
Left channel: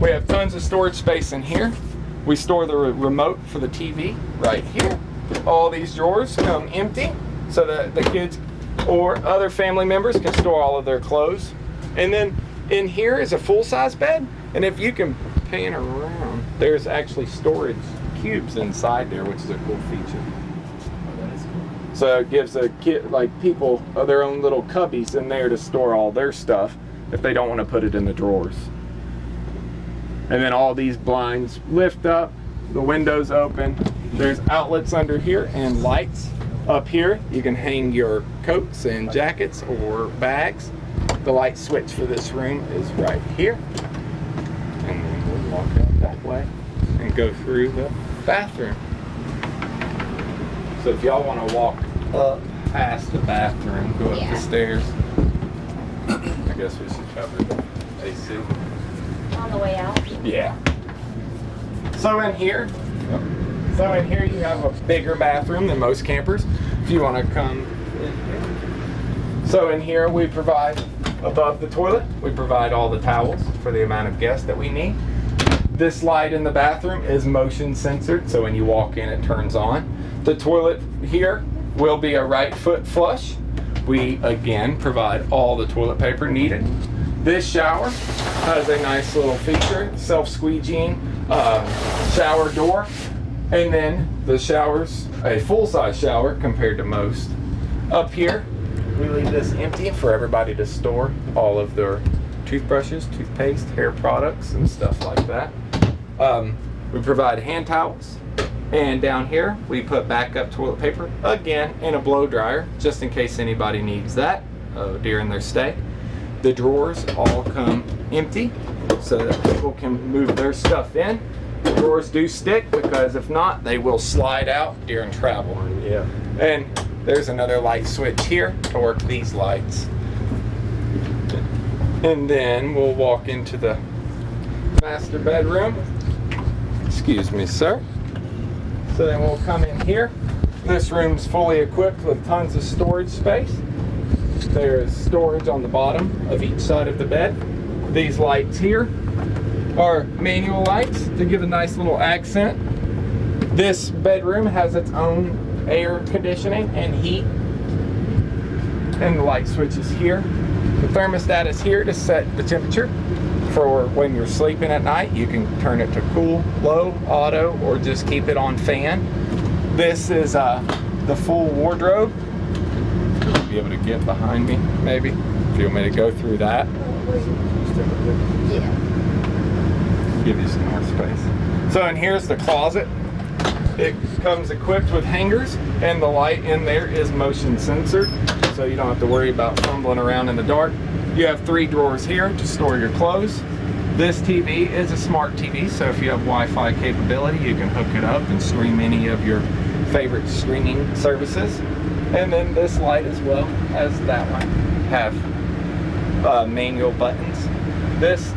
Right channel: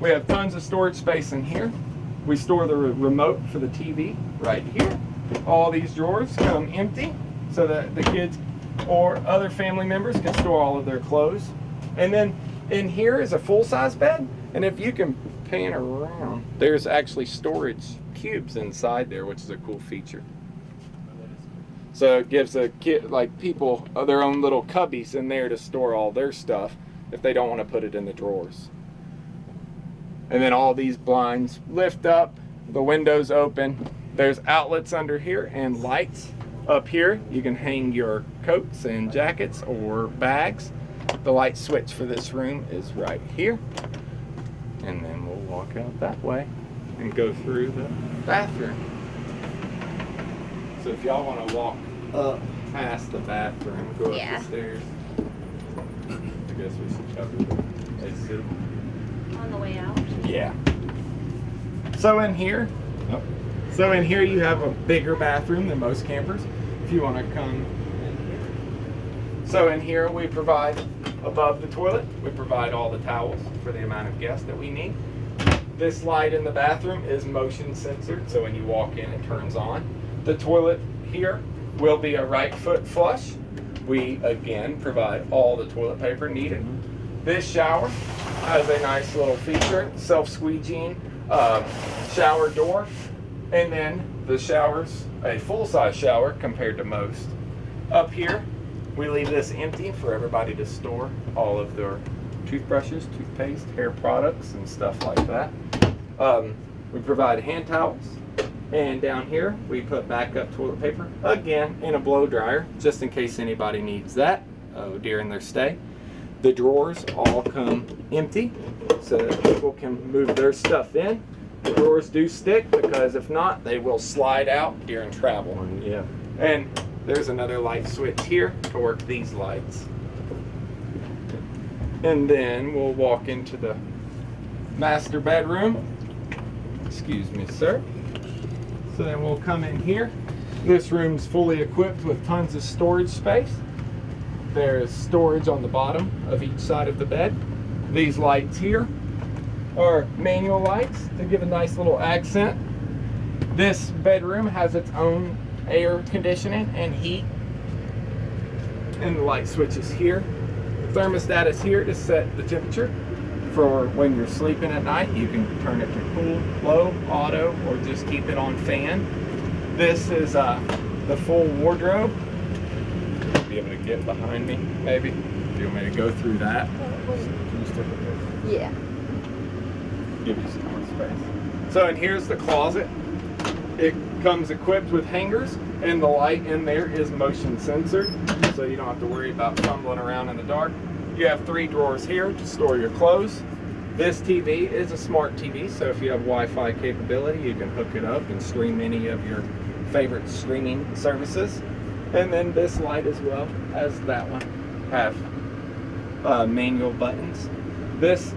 We have tons of storage space in here. We store the remote for the TV right here. All these drawers come empty so that the kids or other family members can store all of their clothes. And then in here is a full-size bed, and if you can pan around, there's actually storage cubes inside there, which is a cool feature. So it gives a kid, like people, their own little cubbies in there to store all their stuff if they don't want to put it in the drawers. And then all these blinds lift up, the windows open. There's outlets under here and lights. Up here, you can hang your coats and jackets or bags. The light switch for this room is right here. And then we'll walk out that way and go through the bathroom. So if y'all want to walk up past the bathroom, go up the stairs. I guess we should cover the AC. On the way out. Yeah. So in here you have a bigger bathroom than most campers. If you want to come in here. So in here we provide, above the toilet, we provide all the towels for the amount of guests that we need. This light in the bathroom is motion censored, so when you walk in it turns on. The toilet here will be a right foot flush. We again provide all the toilet paper needed. This shower has a nice little feature, self-squeegeeing shower door. And then the shower's a full-size shower compared to most. Up here, we leave this empty for everybody to store all of their toothbrushes, toothpaste, hair products, and stuff like that. We provide hand towels. And down here, we put backup toilet paper, again, in a blow dryer, just in case anybody needs that during their stay. The drawers all come empty so that people can move their stuff in. The drawers do stick because if not, they will slide out during travel. Yeah. And there's another light switch here to work these lights. And then we'll walk into the master bedroom. Excuse me, sir. So then we'll come in here. This room's fully equipped with tons of storage space. There is storage on the bottom of each side of the bed. These lights here are manual lights to give a nice little accent. This bedroom has its own air conditioning and heat. And the light switch is here. The thermostat is here to set the temperature for when you're sleeping at night. You can turn it to cool, low, auto, or just keep it on fan. This is the full wardrobe. You'll be able to get behind me, maybe, if you want me to go through that. Yeah. Give you some more space. So, and here's the closet. It comes equipped with hangers, and the light in there is motion censored, so you don't have to worry about fumbling around in the dark. You have 3 drawers here to store your clothes. This TV is a smart TV, so if you have Wi-Fi capability, you can hook it up and stream any of your favorite streaming services. And then this light as well as that one have manual buttons. This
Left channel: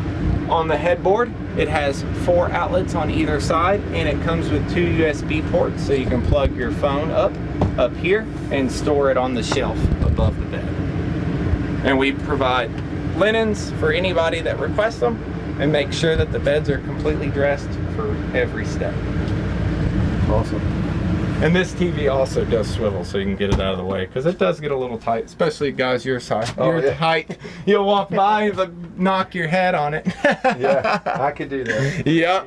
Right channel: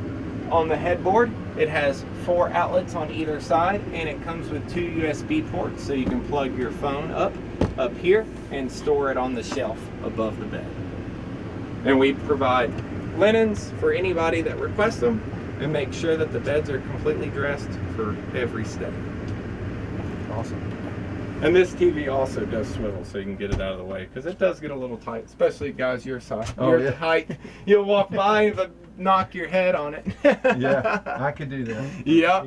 on the headboard, it has 4 outlets on either side, and it comes with 2 USB ports, so you can plug your phone up here and store it on the shelf above the bed. And we provide linens for anybody that requests them, and make sure that the beds are completely dressed for every step. Awesome. And this TV also does swivel, so you can get it out of the way, because it does get a little tight, especially guys your size. Your height, you'll walk by and knock your head on it. Yeah, I could do that. Yeah.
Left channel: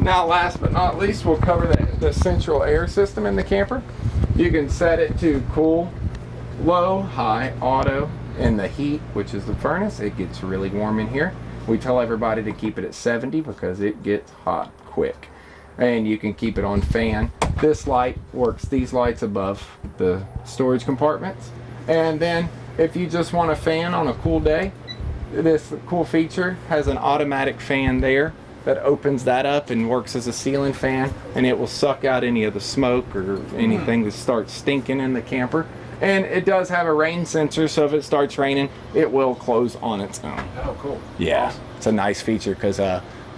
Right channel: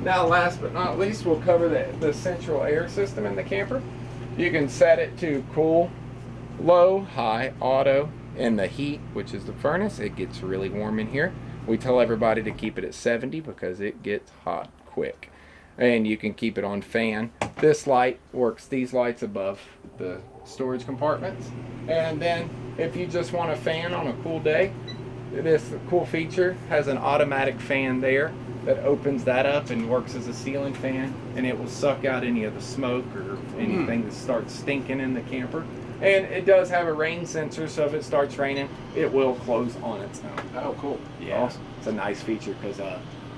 Now, last but not least, we'll cover the central air system in the camper. You can set it to cool, low, high, auto, and the heat, which is the furnace. It gets really warm in here. We tell everybody to keep it at 70 because it gets hot quick. And you can keep it on fan. This light works these lights above the storage compartments. And then if you just want a fan on a cool day, this cool feature has an automatic fan there that opens that up and works as a ceiling fan, and it will suck out any of the smoke or anything that starts stinking in the camper. And it does have a rain sensor, so if it starts raining, it will close on its own. Oh, cool. Yeah, Awesome. it's a nice feature because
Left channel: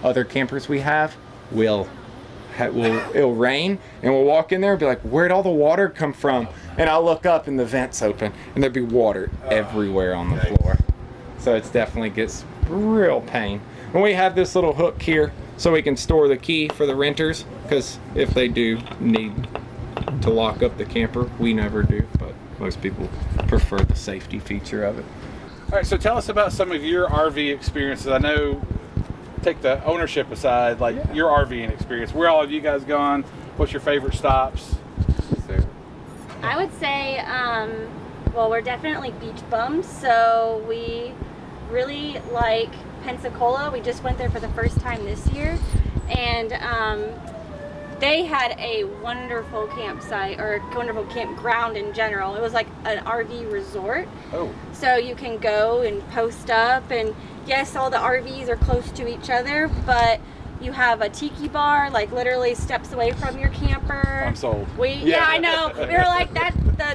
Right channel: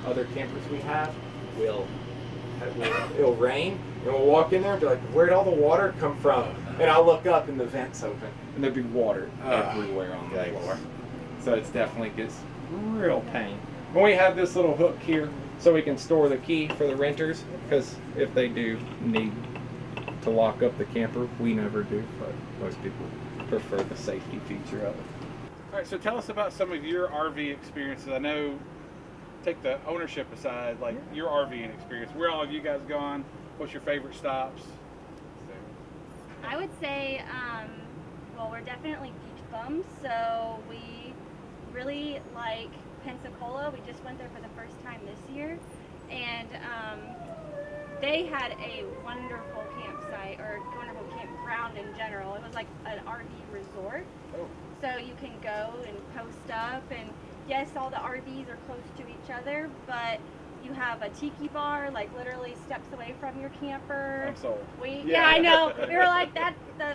other campers we have it'll rain, and we'll walk in there and be like, where'd all the water come from? And I'll look up and the vent's open, and there'll be water everywhere on the floor. So it definitely gets real pain. And we have this little hook here so we can store the key for the renters, because if they do need to lock up the camper, we never do, but most people prefer the safety feature of it. All right, so tell us about some of your RV experiences. I know, take the ownership aside, like your RVing experience. Where all have you guys gone? What's your favorite stops? Sarah? I would say, well, we're definitely beach bums, so we really like Pensacola. We just went there for the first time this year, and they had a wonderful campsite, or wonderful campground in general. It was like an RV resort. Oh. So you can go and post up, and yes, all the RVs are close to each other, but you have a tiki bar, like literally steps away from your camper. I'm sold. Yeah, I know. We were like that.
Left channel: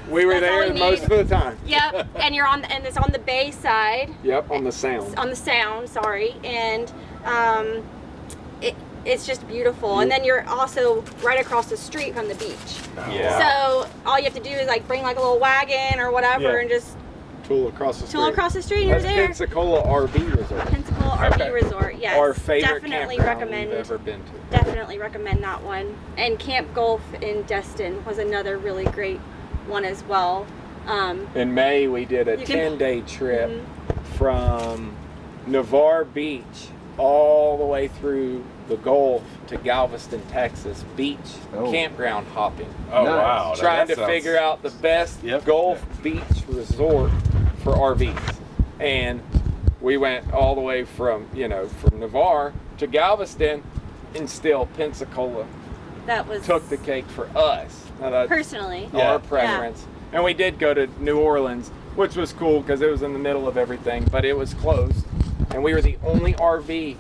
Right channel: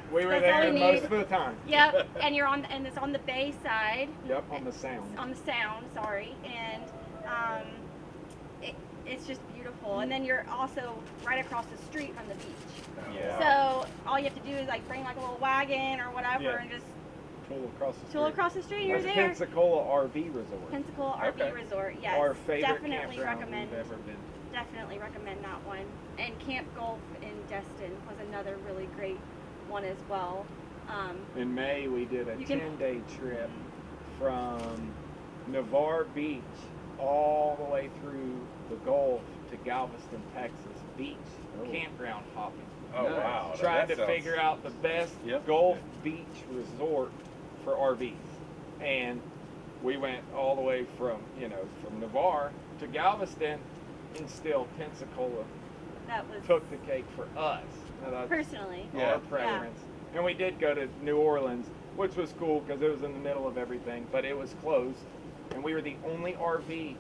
We were that's all there we most need. of the time. Yep, and it's on the bay side. Yep, on the sound. On the sound, sorry, and it's just beautiful. And then you're also right across the street from the beach. Yeah. So all you have to do is like bring like a little wagon or whatever, and just Tool across the street. tool across the street, and you're That's there. Pensacola RV Resort. Pensacola RV Resort, yes. Our favorite definitely campground recommend. we've ever been to. Definitely recommend that one. And Camp Gulf in Destin was another really great one as well. In May, we did a 10-day trip from Navarre Beach all the way through the Gulf to Galveston, Texas. Beach campground hopping. Oh, wow. Trying That to sounds- figure out the best Gulf beach resort for RVs. And we went all the way from Navarre to Galveston, and still Pensacola That was took the cake for us. Now, that's personally. our preference. And we did go to New Orleans, which was cool because it was in the middle of everything, but it was closed. And we were the only RV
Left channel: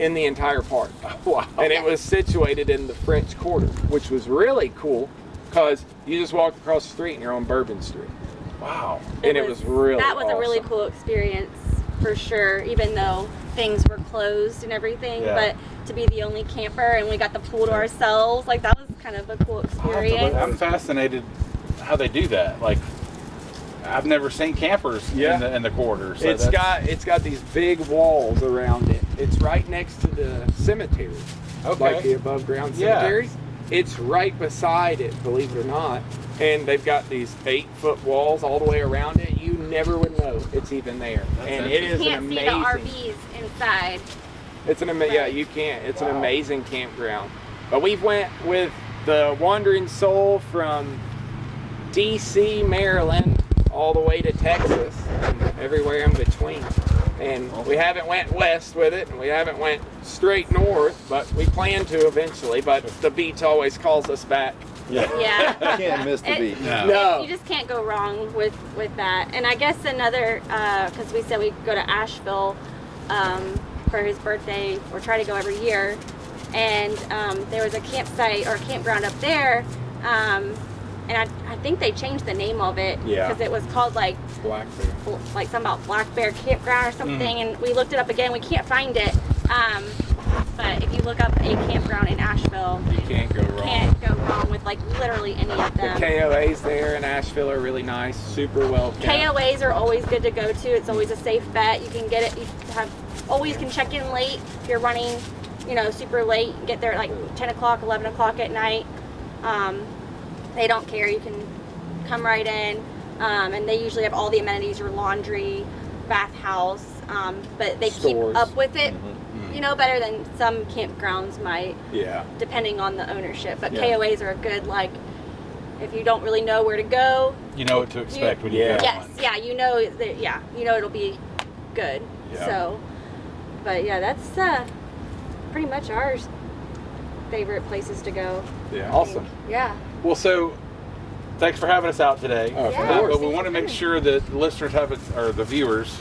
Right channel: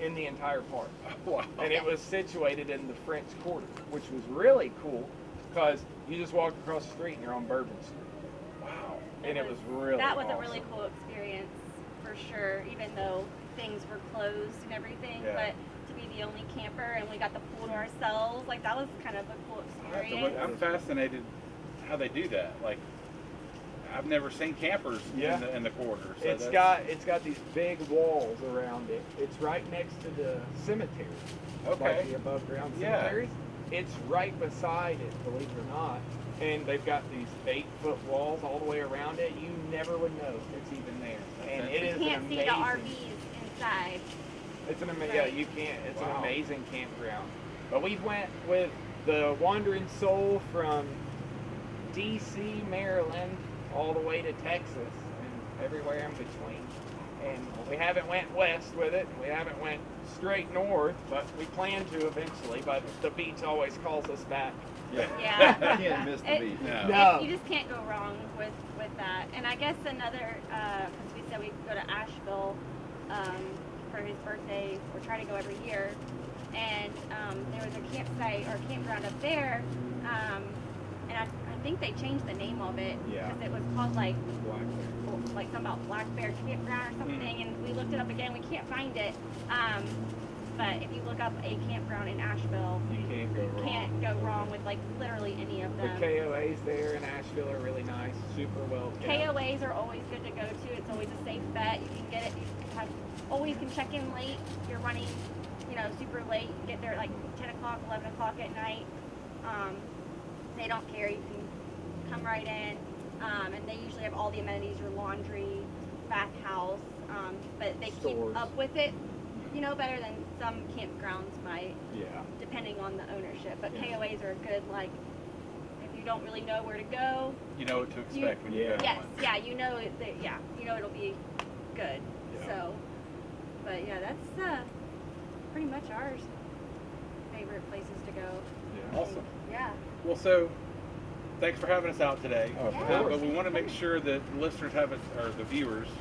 in the entire park. Wow. And it was situated in the French Quarter, which was really cool because you just walk across the street and you're on Bourbon Street. Wow. And it was really That was a really awesome. cool experience for sure, even though things were closed and everything. Yeah. But to be the only camper and we got the pool to ourselves, like that was kind of a cool experience. I'm fascinated how they do that. Like, I've never seen campers in the quarter. So It's got these big walls around it. It's right next to the cemetery. Like the above ground cemetery. It's right beside it, believe it or not. And they've got these 8-foot walls all the way around it. You never would know it's even there. And it is You an can't see amazing. the RVs inside. It's an amazing. Yeah, you can't. It's an amazing campground. But we went with the Wandering Soul from D.C., Maryland, all the way to Texas, and everywhere in between. And we haven't went west with it, and we haven't went straight north, but we plan to eventually. But the beach always calls us back. Yeah. You can't miss the beach. No. You just can't go wrong with that. And I guess another, because we said we go to Asheville, for his birthday, or try to go every year. And there was a campsite or a campground up there, and I think they changed the name of it because it was called like Black Bear. like something about Black Bear Campground or something. And we looked it up again. We can't find it. But if you look up a campground in Asheville, You can't go wrong. can't go wrong with like literally any of The them. KOAs there in Asheville are really nice, super well kept. KOAs are always good to go to. It's always a safe bet. You can get it. You always can check in late if you're running, super late. Get there at like 10 o'clock, 11 o'clock at night. They don't care. You can come right in, and they usually have all the amenities: your laundry, bathhouse. But they Stores. keep up with it, better than some campgrounds might, Yeah. depending on the ownership. But Yeah. KOAs are a good, like, if you don't really know where to go. You know what to expect when you Yeah. go. Yes, yeah, it'll be good. Yeah. So, but yeah, that's pretty much our favorite places to go. Yeah. Awesome. Yeah. Well, so thanks for having us out today. Oh, of Yeah. course. But we want to make sure that the listeners or the viewers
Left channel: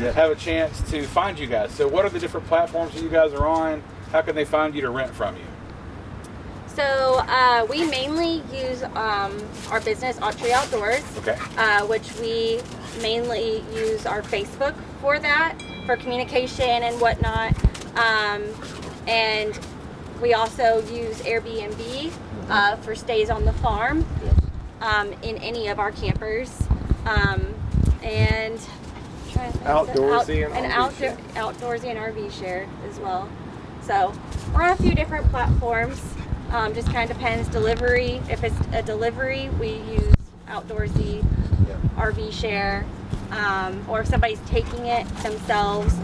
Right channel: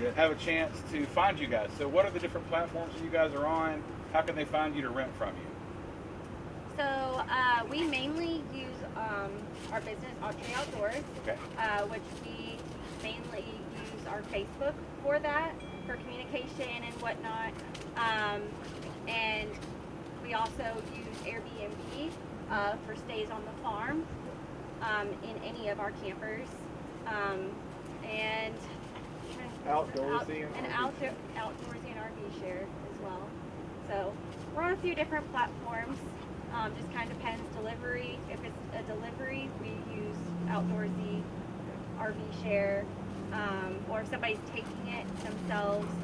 Yeah. have a chance to find you guys. So what are the different platforms that you guys are on? How can they find you to rent from you? So we mainly use our business, Autry Outdoors, Okay. which we mainly use our Facebook for that, for communication and whatnot. And we also use Airbnb for stays on the farm in any of our campers. And Outdoorsy and RV share. outdoorsy and RV share as well. So we're on a few different platforms. Just kind of depends. Delivery. If it's a delivery, we use Outdoorsy, RV share, or if somebody's taking it themselves,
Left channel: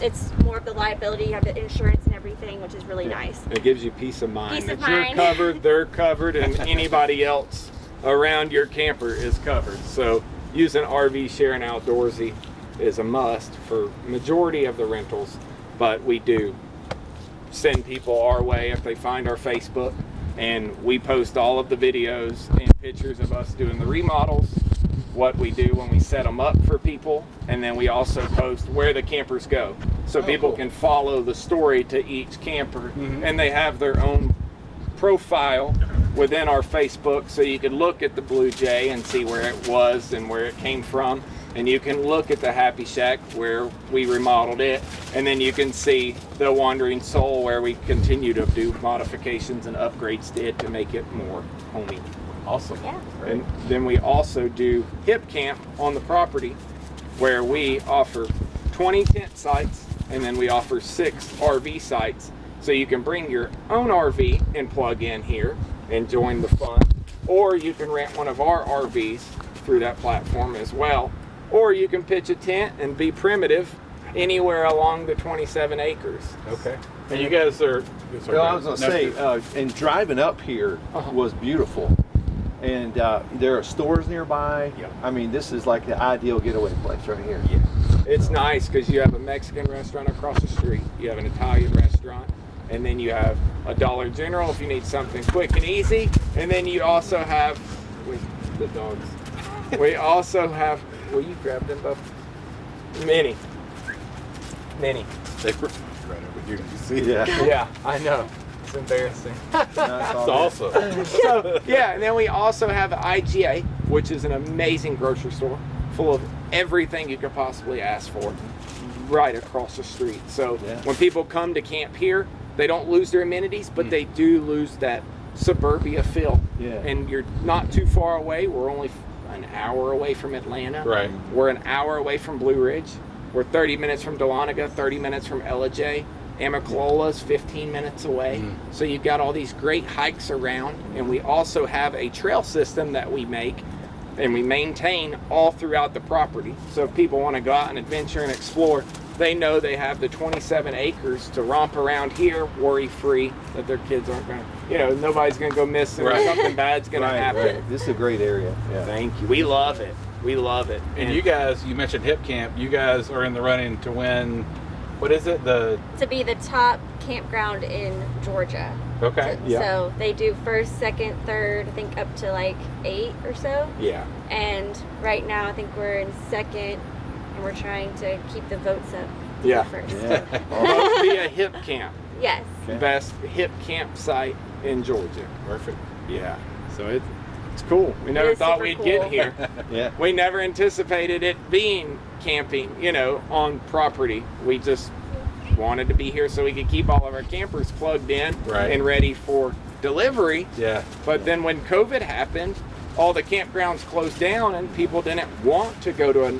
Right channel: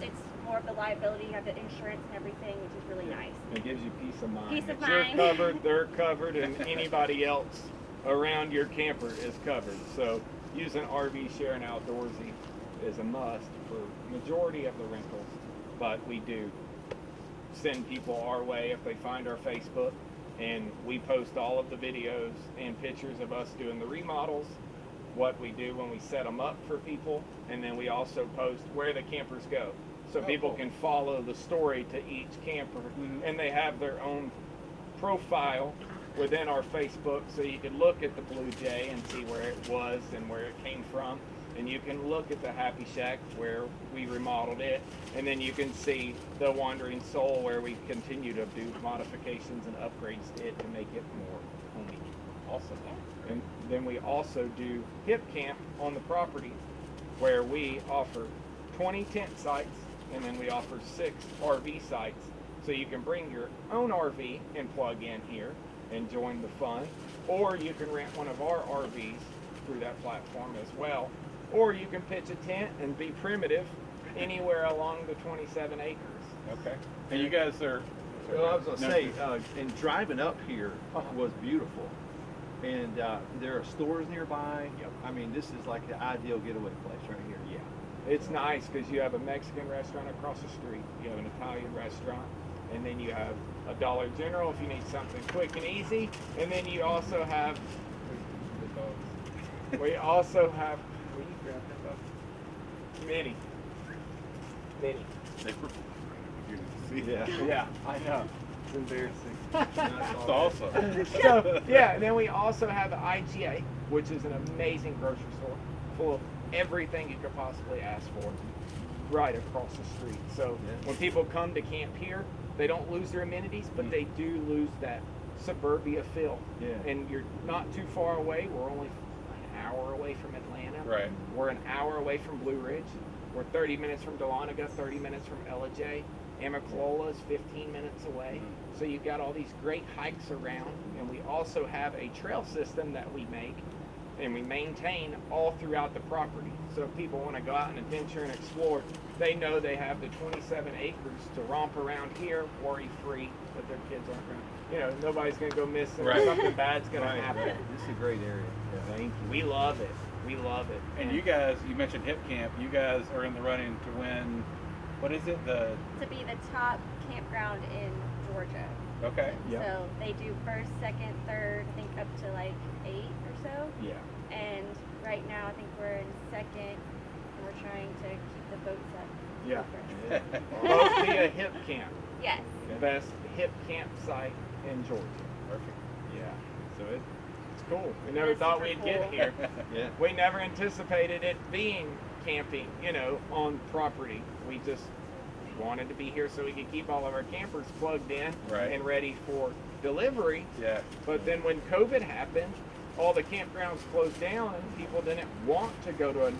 it's more of the liability. You have the insurance and everything, which is really nice. It gives you peace of mind Peace that of you're mind. covered, they're covered, and anybody else around your camper is covered. So using RV share and Outdoorsy is a must for majority of the rentals, but we do send people our way if they find our Facebook, and we post all of the videos and pictures of us doing the remodels, what we do when we set them up for people, and then we also post where the campers go, so people cool. can follow the story to each camper, and they have their own profile within our Facebook, so you can look at the Blue Jay and see where it was and where it came from, and you can look at the Happy Shack where we remodeled it, and then you can see the Wandering Soul where we continue to do modifications and upgrades to it to make it more homey. Awesome. Yeah. And then we also do Hip Camp on the property, where we offer 20 tent sites, and then we offer 6 RV sites. So you can bring your own RV and plug in here and join the fun, or you can rent one of our RVs through that platform as well, or you can pitch a tent and be primitive anywhere along the 27 acres. Okay. And you guys are. sorry, Well, I was going to say, no, and driving up here was beautiful. And there are stores nearby. Yep. I mean, this is like the ideal getaway place right here. Yeah. It's nice because you have a Mexican restaurant across the street, you have an Italian restaurant, and then you have a Dollar General if you need something quick and easy, and then you also have, wait, the dogs. We also have, will you grab them, Bub? Minnie. they were right over here. Did you see that? Yeah. Yeah, I know. It's embarrassing. That's That's all awesome. So, yeah, and then we also have IGA, which is an amazing grocery store full of everything you could possibly ask for right across the street. So Yeah. when people come to camp here, they don't lose their amenities, but they do lose that suburbia feel. Yeah. And you're not too far away. We're only an hour away from Atlanta. Right. We're an hour away from Blue Ridge. We're 30 minutes from Dahlonega, 30 minutes from Ellijay. Amiclola's 15 minutes away. So you've got all these great hikes around, and we also have a trail system that we make and we maintain all throughout the property. So if people want to go out and adventure and explore, they know they have the 27 acres to romp around here worry-free, that their kids aren't going to, nobody's going to go missing or something bad's going to happen. Right. This is a great area. Yeah. Thank you. We love it. We love it. And you guys, you mentioned Hip Camp. You guys are in the running to win. What is it? To be the top campground in Georgia. Okay. So they do first, second, third, I think up to like 8 or so. Yeah. And right now I think we're in second and we're trying to keep the votes up Yeah. first. Vote via Hip Camp. Yes. Best hip campsite in Georgia. Perfect. Yeah. So it's cool. We never It is thought super we'd cool. get here. Yeah. We never anticipated it being camping, on property. We just wanted to be here so we could keep all of our campers plugged in Right. and ready for delivery. Yeah. But then when COVID happened, all the campgrounds closed down and people didn't want to go to a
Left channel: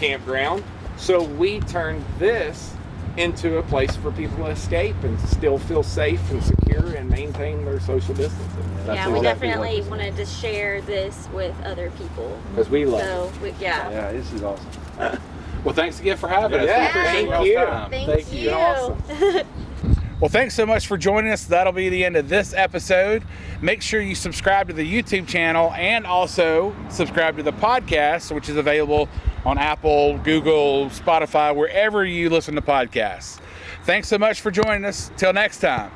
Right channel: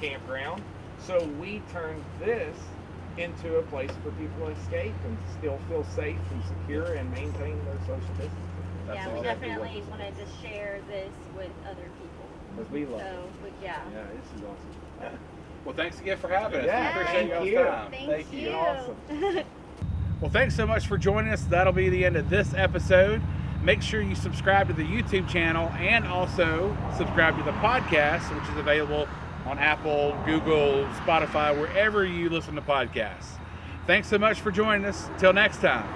campground. So we turned this into a place for people to escape and still feel safe and secure and maintain their social distancing. Yeah, we definitely wanted to share this with other people. Because we love it. So, yeah. Yeah, this is awesome. Well, thanks again for having us. Yeah, We appreciate thank y'all's you. time. Thank you. Awesome. Well, thanks so much for joining us. That'll be the end of this episode. Make sure you subscribe to the YouTube channel and also subscribe to the podcast, which is available on Apple, Google, Spotify, wherever you listen to podcasts. Thanks so much for joining us. Till next time.